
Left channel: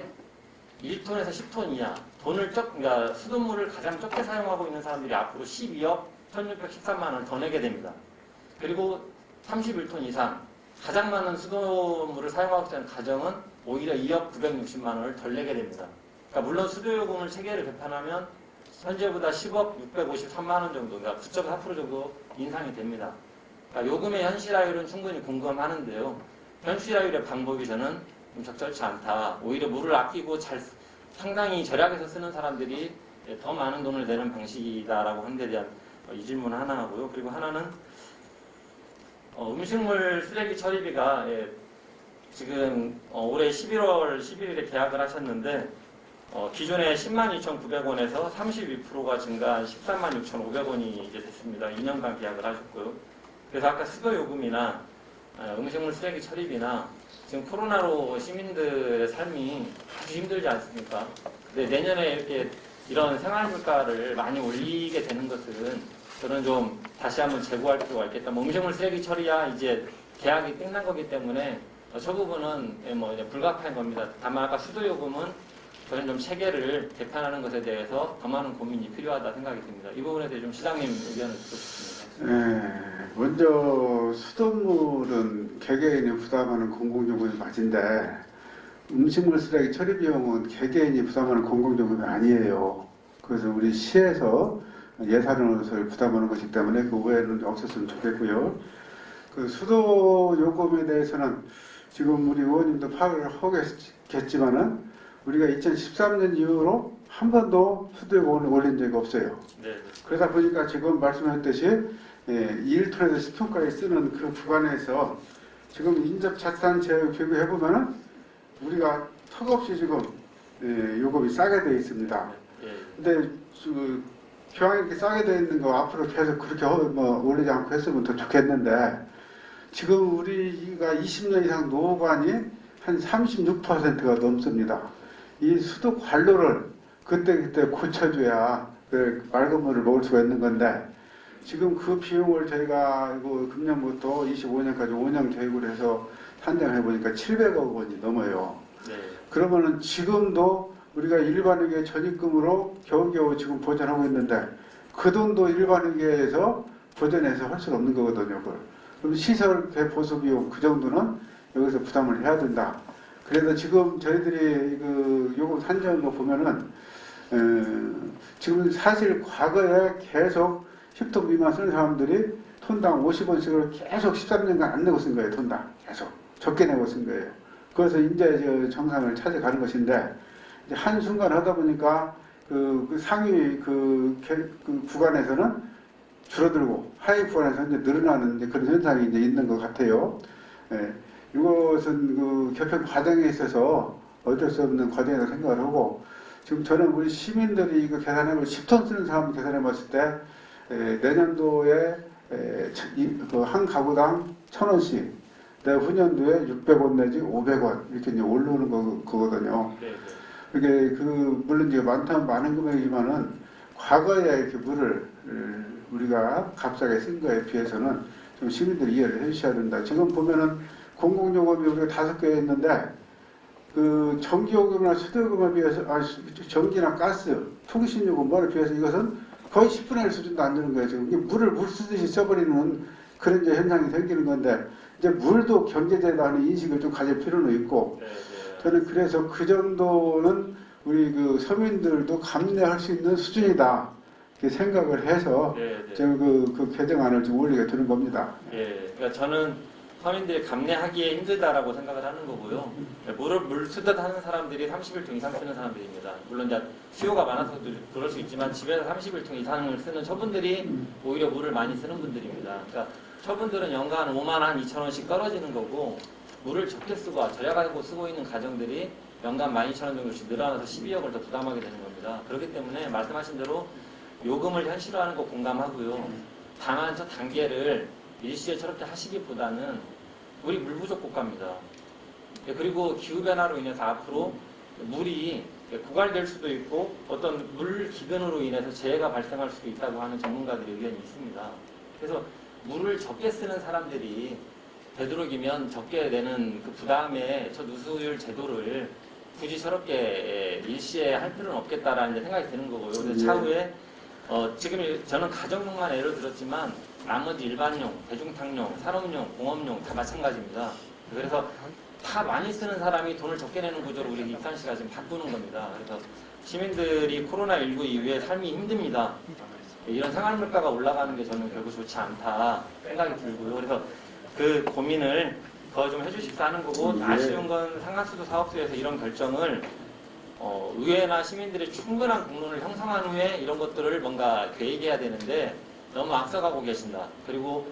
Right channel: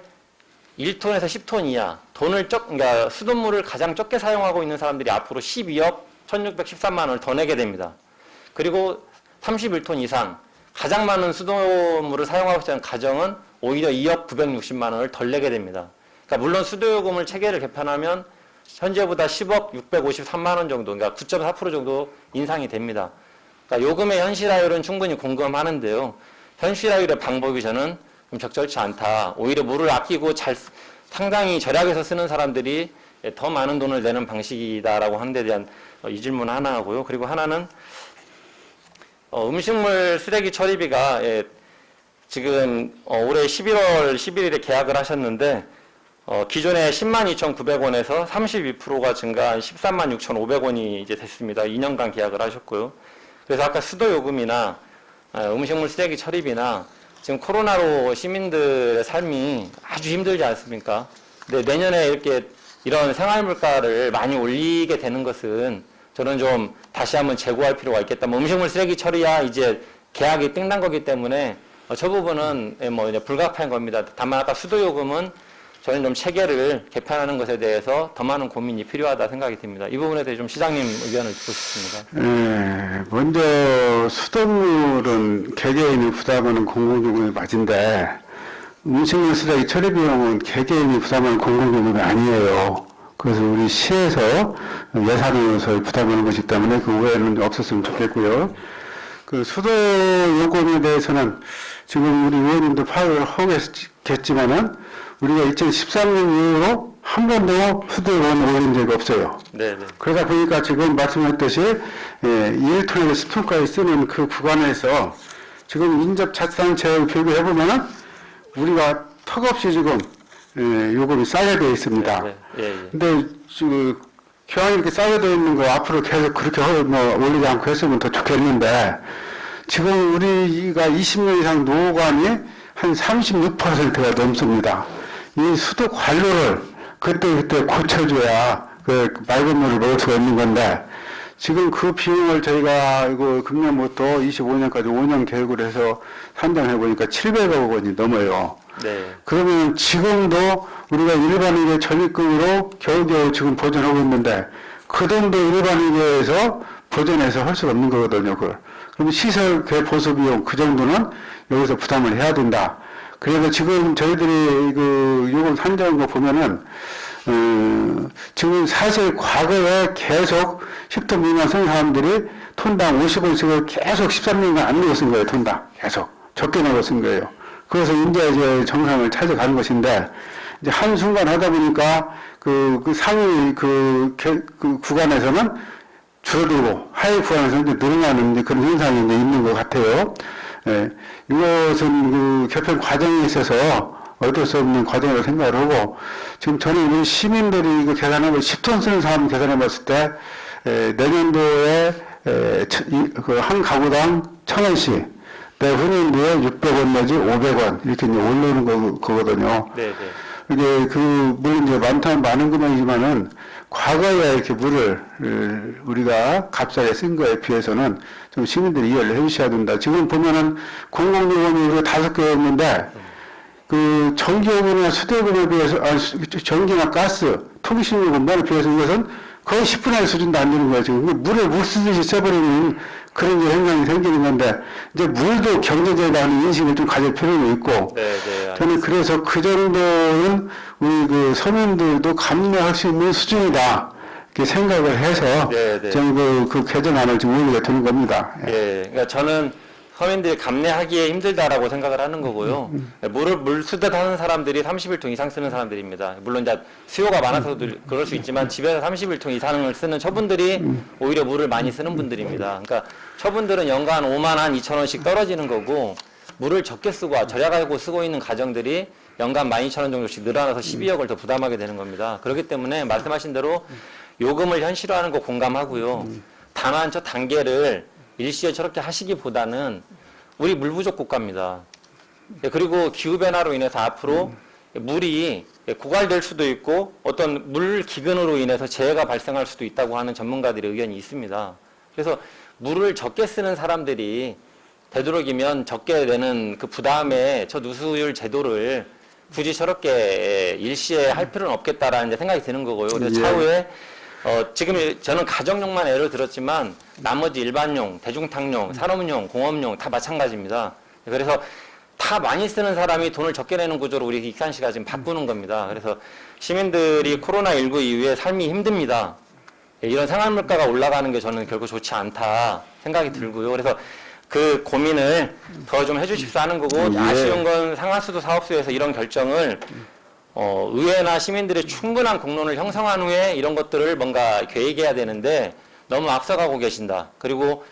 1톤에서 10톤 이하 그러니까 수돗물을 가장 적게 사용하고 있는 사람들이 앞으로 12억 1613만 원을 더 내게 됩니다. 그리고 31톤 이상 가장 많은 수도물을 사용하고 있는 가정은 오히려 2억 960만 원을 덜 내게 됩니다. 그러니까 물론 수도요금을 체계를 개편하면 현재보다 10억 653만 원 정도, 그러니까 9.4% 정도 인상이 됩니다. 그러니까 요금의 현실화율은 충분히 공감하는데요. 현실화율의 방법이 저는 좀 적절치 않다. 오히려 물을 아끼고 상당히 절약해서 쓰는 사람들이 더 많은 돈을 내는 방식이다라고 하는 데 대한 이 질문 하나 하고요. 그리고 하나는 음식물 쓰레기 처리비가 지금 올해 11월 11일에 계약을 하셨는데 기존에 102,900원에서 32%가 증가한 136,500원이 이제 됐습니다. 2년간 계약을 하셨고요. 그래서 아까 수도요금이나 음식물 쓰레기 처리비나 지금 코로나로 시민들의 삶이 아주 힘들지 않습니까? 근데 내년에 이렇게 이런 생활물가를 많이 올리게 되는 것은 저는 좀 다시 한번 재고할 필요가 있겠다. 음식물 쓰레기 처리야 이제 계약이 끝난 거기 때문에 저 부분은 뭐 이제 불가피한 겁니다. 다만 아까 수도요금은 저는 좀 체계를 개편하는 것에 대해서 더 많은 고민이 필요하다 생각이 듭니다. 이 부분에 대해 좀 시장님 의견을 듣고 싶습니다. 먼저 수돗물은 개개인이 부담하는 공공요금의 맞은데 음식물 쓰레기 처리 비용은 개개인이 부담하는 공공요금이 아니에요. 그래서 우리 시에서 예산으로서 부담하는 것이기 때문에 그 오해는 없었으면 좋겠고요. 그 수도요금에 대해서는 지금 우리 의원님도 파악을 하고 계시겠지만은 우리가 2013년 이후로 한 번도 수도요금을 올린 적이 없어요. 네네. 그러다 보니까 지금 말씀하셨듯이 1톤에서 10톤까지 쓰는 그 구간에서 지금 인접자치단체를 비교해보면은 우리가 턱없이 지금 요금이 싸게 되어 있습니다. 네, 예, 예. 근데 지금 교황이 이렇게 싸게 되어 있는 거 앞으로 계속 그렇게 올리지 않고 했으면 더 좋겠는데 지금 우리가 20년 이상 노후관이 한 36%가 넘습니다. 이 수도 관로를 그때 고쳐줘야 그 맑은 물을 먹을 수가 있는 건데 지금 그 비용을 저희가 이거 금년부터 25년까지 5년 계획을 해서 산정해 보니까 700억 원이 넘어요. 네. 그러면 지금도 우리가 일반인의 전입금으로 겨우겨우 지금 보전하고 있는데 그 정도 일반인에서 보전해서 할 수가 없는 거거든요. 그럼 시설 보수 비용 그 정도는 여기서 부담을 해야 된다. 그래서 지금 저희들이 그 요금 산정한 거 보면은 지금 사실 과거에 계속 10톤 미만 쓰는 사람들이 톤당 50원씩을 계속 13년간 안 내고 쓴 거예요. 톤당 계속 적게 내고 쓴 거예요. 그래서 이제 정상을 찾아가는 것인데 이제 한 순간 하다 보니까 그 상위 그 구간에서는 줄어들고 하위 구간에서는 이제 늘어나는 이제 그런 현상이 이제 있는 것 같아요. 이것은 그 개편 과정에 있어서 어쩔 수 없는 과정으로 생각을 하고 지금 저는 이 시민들이 이거 계산한 걸 10톤 쓰는 사람 계산해 봤을 때 내년도에 그 한 가구당 1,000원씩 내후년도에 600원 내지 500원 이렇게 이제 올리는 거거든요. 네, 네. 이게 물론 이제 많은 금액이지만은 과거에 이렇게 물을 우리가 값싸게 쓴 거에 비해서는 좀 시민들이 이해를 해주셔야 된다. 지금 보면은 공공요금이 우리가 5개였는데 그 전기요금이나 수도요금에 비해서 전기나 가스, 통신요금에 비해서 이것은 거의 10분의 1 수준도 안 되는 거예요. 지금 물을 못 쓰듯이 써버리는 그런 현상이 생기는 건데 이제 물도 경제적이라는 인식을 좀 가질 필요가 있고 저는 그래서 그 정도는 우리 그 서민들도 감내할 수 있는 수준이다 이렇게 생각을 해서 저는 그 개정안을 지금 의미가 드는 겁니다. 예, 그러니까 저는 서민들이 감내하기에 힘들다라고 생각을 하는 거고요. 물 쓰듯 하는 사람들이 31톤 이상 쓰는 사람들입니다. 물론 이제 수요가 많아서도 그럴 수 있지만 집에서 31톤 이상을 쓰는 처분들이 오히려 물을 많이 쓰는 분들입니다. 그러니까 처분들은 연간 5만 한 2천 원씩 떨어지는 거고 물을 적게 쓰고 절약하고 쓰고 있는 가정들이 연간 12,000원 정도씩 늘어나서 12억을 더 부담하게 되는 겁니다. 그렇기 때문에 말씀하신 대로 요금을 현실화하는 거 공감하고요. 다만 저 단계를 일시에 저렇게 하시기보다는 우리 물 부족 국가입니다. 그리고 기후변화로 인해서 앞으로 물이 고갈될 수도 있고 어떤 물 기근으로 인해서 재해가 발생할 수도 있다고 하는 전문가들의 의견이 있습니다. 그래서 물을 적게 쓰는 사람들이 되도록이면 적게 내는 그 부담에 저 누수율 제도를 굳이 저렇게 일시에 할 필요는 없겠다라는 생각이 드는 거고요. 그래서 차후에 지금 저는 가정용만 예를 들었지만 나머지 일반용, 대중탕용, 산업용, 공업용 다 마찬가지입니다. 그래서 다 많이 쓰는 사람이 돈을 적게 내는 구조로 우리 익산시가 지금 바꾸는 겁니다. 그래서 시민들이 코로나19 이후에 삶이 힘듭니다. 이런 생활물가가 올라가는 게 저는 결국 좋지 않다 생각이 들고요. 그래서 그 고민을 더 좀 해주십사 하는 거고, 예. 아쉬운 건 상하수도 사업소에서 이런 결정을 의회나 시민들의 충분한 공론을 형성한 후에 이런 것들을 뭔가 계획해야 되는데 너무 앞서가고 계신다. 그리고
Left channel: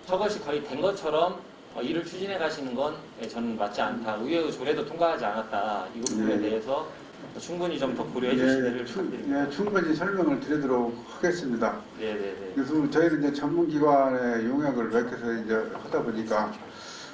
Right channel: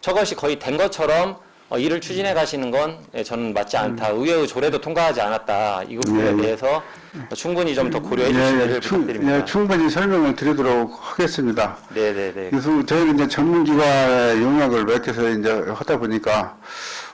저것이 거의 된 것처럼 일을 추진해 가시는 건 저는 맞지 않다. 의회의 조례도 통과하지 않았다. 이 부분에 예. 대해서 충분히 좀 더 고려해 주시기를 부탁드립니다. 충분히 설명을 드리도록 하겠습니다. 네네네. 그래서 저희는 이제 전문기관의 용역을 맡겨서 이제 하다 보니까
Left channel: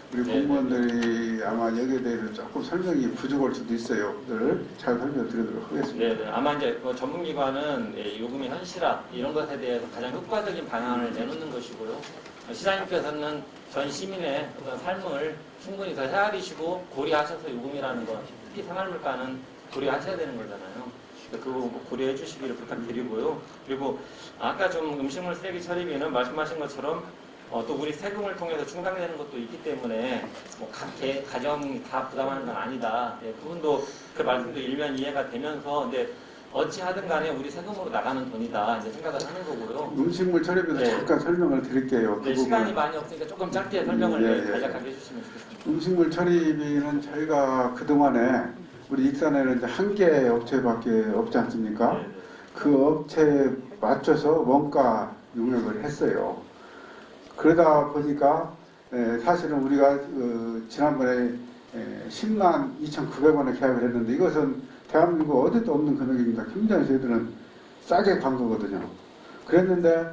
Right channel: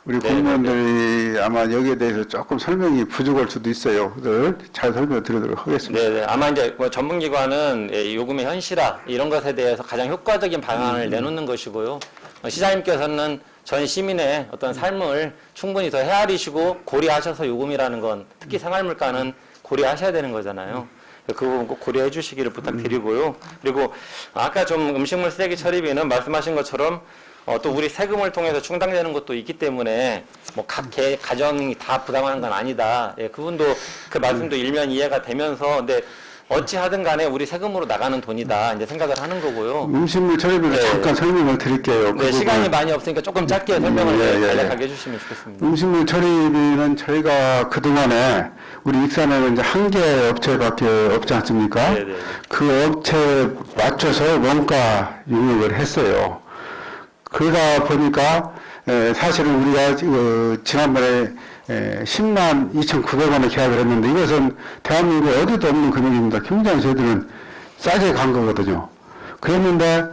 우리 네, 공무원들이 아마 여기에 대해서 조금 설명이 부족할 수도 있어요. 그걸 잘 설명 드리도록 하겠습니다. 네네. 아마 이제 전문기관은 요금의 현실화 이런 것에 대해서 가장 효과적인 방안을 내놓는 것이고요. 시장님께서는 전 시민의 어떤 삶을 충분히 더 헤아리시고 고려하셔서 요금이라는 건 특히 생활물가는 고려하셔야 되는 거잖아요. 그 부분 꼭 고려해 주시기를 부탁드리고요. 그리고 아까 좀 음식물 쓰레기 처리비는 말씀하신 것처럼 또 우리 세금을 통해서 충당되는 것도 있기 때문에 뭐 각 가정이 다 부담하는 건 아니다. 예, 그분도 그 말씀도 일면 이해가 되면서 근데 어찌 하든 간에 우리 세금으로 나가는 돈이다 이제 생각을 하는 거고요. 음식물 처리비를 네. 잠깐 설명을 드릴게요. 네, 시간이 많이 없으니까 조금 짧게 설명을 예. 간략하게 해주시면 좋겠습니다. 음식물 처리비는 저희가 그동안에 우리 익산에는 이제 한 개 업체밖에 없지 않습니까? 네네. 그 업체에 맞춰서 원가 용역을 했어요. 그러다 보니까 사실은 우리가 지난번에 10만 2,900원에 계약을 했는데 이것은 대한민국에 어디도 없는 금액입니다. 굉장히 저희들은 싸게 간 거거든요. 그랬는데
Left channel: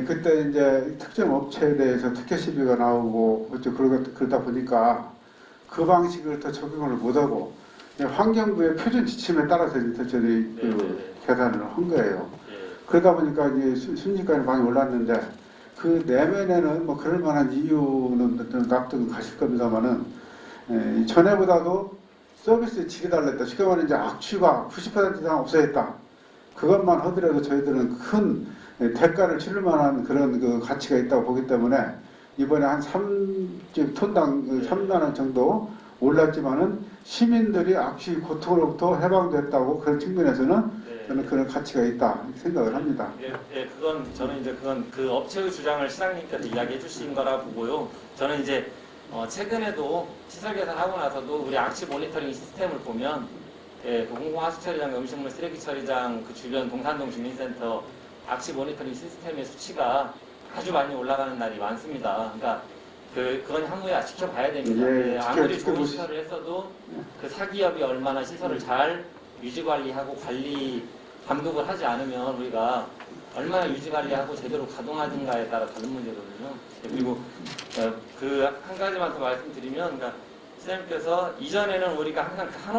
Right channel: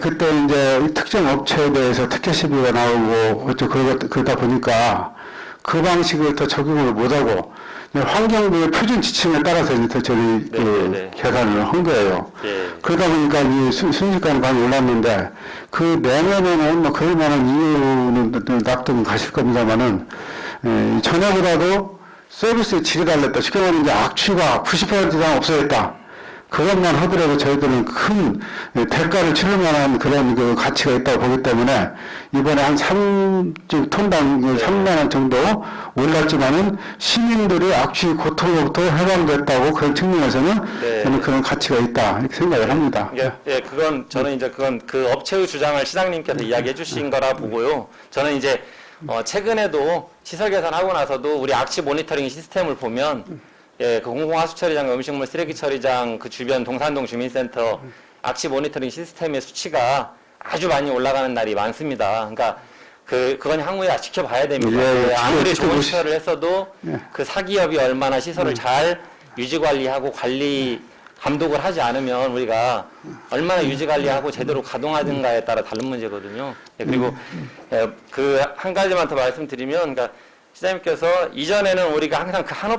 그때 이제 특정 업체에 대해서 특혜 시비가 나오고 그러다 보니까 그 방식을 더 적용을 못하고 환경부의 표준 지침에 따라서 이제 저희 계산을 한 거예요. 네. 그러다 보니까 이 순식간에 많이 올랐는데 그 내년에는 뭐 그럴 만한 이유는 납득은 가실 겁니다만은 전에보다도 서비스의 질이 달랐다. 쉽게 말하면 이제 악취가 90% 이상 없어졌다. 그것만 하더라도 저희들은 큰 대가를 치를 만한 그런 그 가치가 있다고 보기 때문에 이번에 한 톤당 3만 원 정도 올랐지만은 시민들의 악취 고통으로부터 해방됐다고 그런 측면에서는 네. 저는 그런 가치가 있다 이렇게 생각을 합니다. 예, 그건 저는 이제 그건 그 업체의 주장을 시장님께서 이야기해 주신 거라 보고요. 저는 이제 최근에도 시설 개선하고 나서도 우리 악취 모니터링 시스템을 보면 그 공공하수처리장, 음식물 쓰레기 처리장 그 주변 동산동 주민센터 악취 모니터링 시스템의 수치가 아주 많이 올라가는 날이 많습니다. 그러니까 그건 향후에 지켜봐야 됩니다. 아무리 좋은 시설을 했어도 그 사기업이 얼마나 시설을 잘 유지 관리하고 감독을 하지 않으면 우리가 얼마나 유지 관리하고 제대로 가동하든가에 따라 다른 문제거든요. 그리고 그 한 가지만 더 말씀드리면, 그러니까 시장님께서 이전에는 우리가 항상 그 한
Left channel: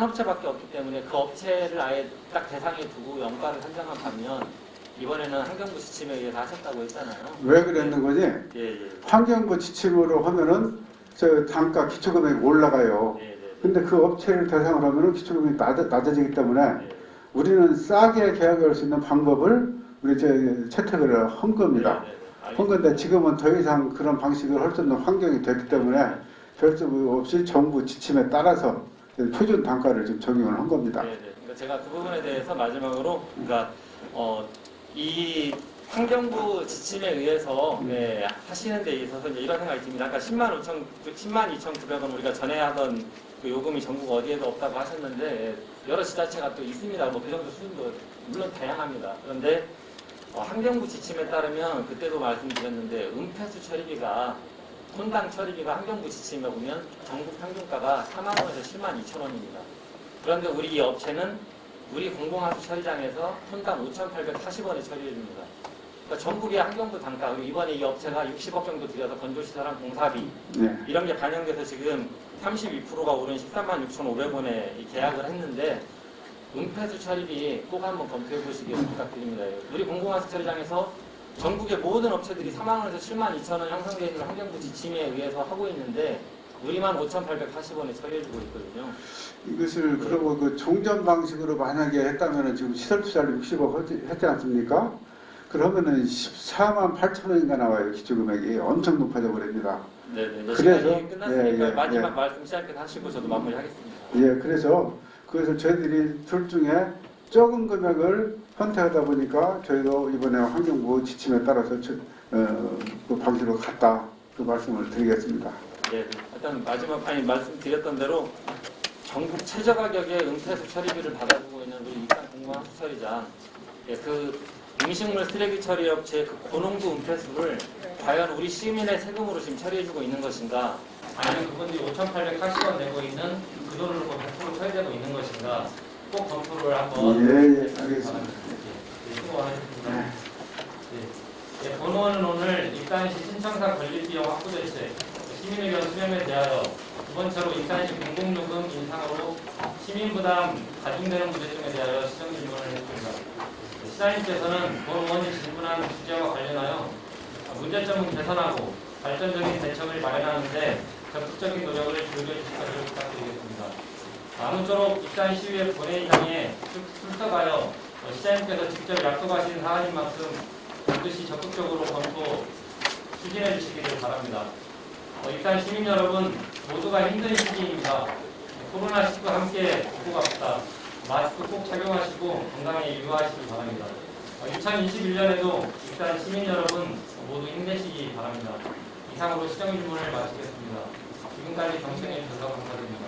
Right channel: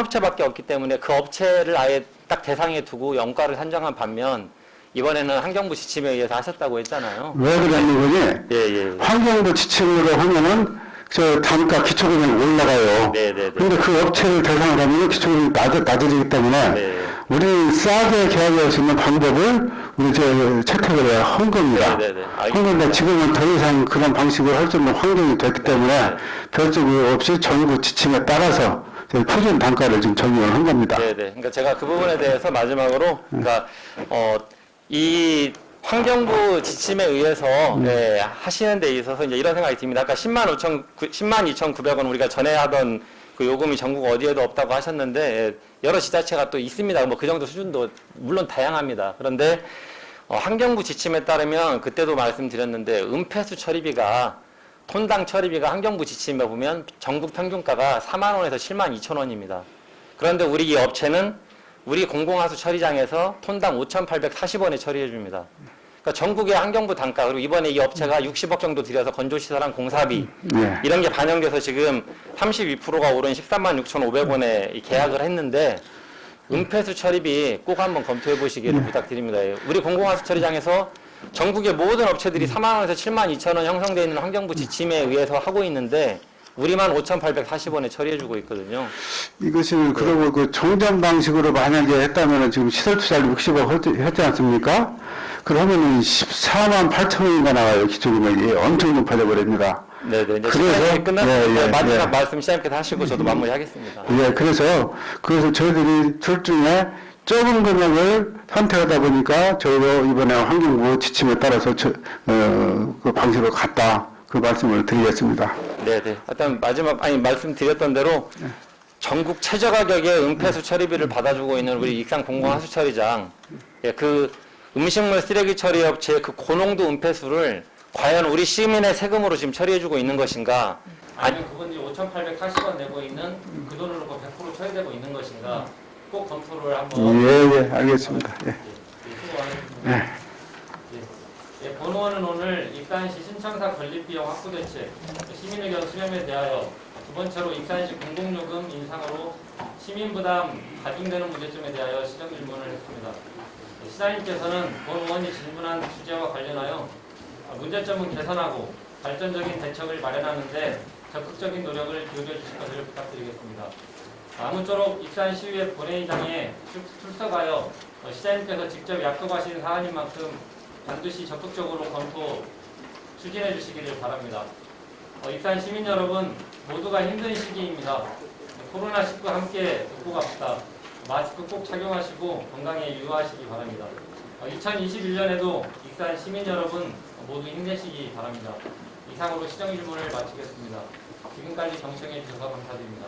업체밖에 없기 때문에 그 업체를 아예 딱 대상에 두고 영가를 산정한 반면 이번에는 환경부 지침에 의해서 하셨다고 했잖아요. 왜 그러는 거지? 환경부 지침으로 하면은 저 단가 기초금액이 올라가요. 그런데 그 업체를 대상으로 하면 기초금액이 낮아지기 때문에 우리 싸게 계약할 수 있는 방법을 우리 채택을 한 겁니다. 그런데 지금은 더 이상 그런 방식으로 할 수 있는 환경이 됐기 때문에 별점 없이 정부 지침에 따라서 표준 단가를 지금 적용을 한 겁니다. 그러니까 제가 그 부분에 대해서 마지막으로 그러니까 이 환경부 지침에 의해서 하시는 데 있어서 이제 이런 생각이 듭니다. 그러니까 10만 2,900원 우리가 전에 하던 그 요금이 전국 어디에도 없다고 하셨는데 여러 지자체가 또 있습니다. 뭐 그 정도 수준도 물론 다양합니다. 그런데 환경부 지침에 따르면 그때도 말씀드렸는데 은폐수 처리비가 톤당 처리비가 환경부 지침에 보면 전국 평균가가 4만 원에서 7만 2천 원입니다. 그런데 우리 이 업체는 우리 공공하수 처리장에서 톤당 5,840원에 처리해 줍니다. 그러니까 전국의 환경부 단가, 그리고 이번에 이 업체가 60억 정도 들여서 건조시설한 공사비 이런 게 반영돼서 지금 32%가 오른 13만 6,500원에 계약을 했는데 은폐수 처리비 꼭 한번 검토해 보시기를 부탁드립니다. 우리 공공하수 처리장에서 전국의 모든 업체들이 4만 원에서 7만 2천 원 형성되어 있는 환경부 지침에 의해서 하고 있는데 우리만 5,840원에 처리해주고 있거든요. 이것을 그러면 그 정전 방식으로 만약에 했다면 지금 시설 투자를 60억 했지 않습니까? 그러면은 14만 8천 원인가 나와요. 기초금액이 엄청 높아져 버립니다. 네네. 이제 그래서- 시간이 끝났을 예, 때 예, 마지막 예. 말씀 시장님께서 하시고 저도 마무리하겠습니다. 예, 그래서 저희들이 둘 중에 적은 금액을 선택하다 보니까 저희도 이번에 환경부 지침에 따라서 그 방식으로 갔다 그 말씀을 드리겠습니다. 네네. 일단 마지막 말씀드렸던 대로 전국 최저 가격의 은폐수 처리비를 받아주고 있는 우리 익산 공공하수처리장, 예, 그 음식물 쓰레기 처리 업체의 그 고농도 은폐수를 과연 우리 시민의 세금으로 지금 처리해주고 있는 것인가? 아니면 그분들이 5,840원 내고 있는 그 돈을 놓고 100% 처리되고 있는 것인가? 꼭 검토를 한번. 예, 알겠습니다. 예. 수고하셨습니다. 예. 예, 본원은 오늘 익산시 신청사 건립비용 확보 대책, 시민의견 수렴에 대하여 두 번째로 익산시 공공요금 인상으로 시민부담 가중되는 문제점에 대하여 시정 질문을 했습니다. 시장님께서는 본 의원이 질문한 주제와 관련하여 문제점은 개선하고 발전적인 대책을 마련하는데 적극적인 노력을 기울여 주실 것을 부탁드리겠습니다. 아무쪼록 익산시의회 본회의장에 출석하여 시장님께서 직접 약속하신 사안인 만큼 반드시 적극적으로 검토 추진해 주시기를 바랍니다. 익산 시민 여러분 모두가 힘든 시기입니다. 코로나19 함께 극복 갑시다. 마스크 꼭 착용하시고 건강에 유의하시기 바랍니다. 2021년에도 익산 시민 여러분 모두 힘내시기 바랍니다. 이상으로 시정 질문을 마치겠습니다. 지금까지 경청해 주셔서 감사드립니다.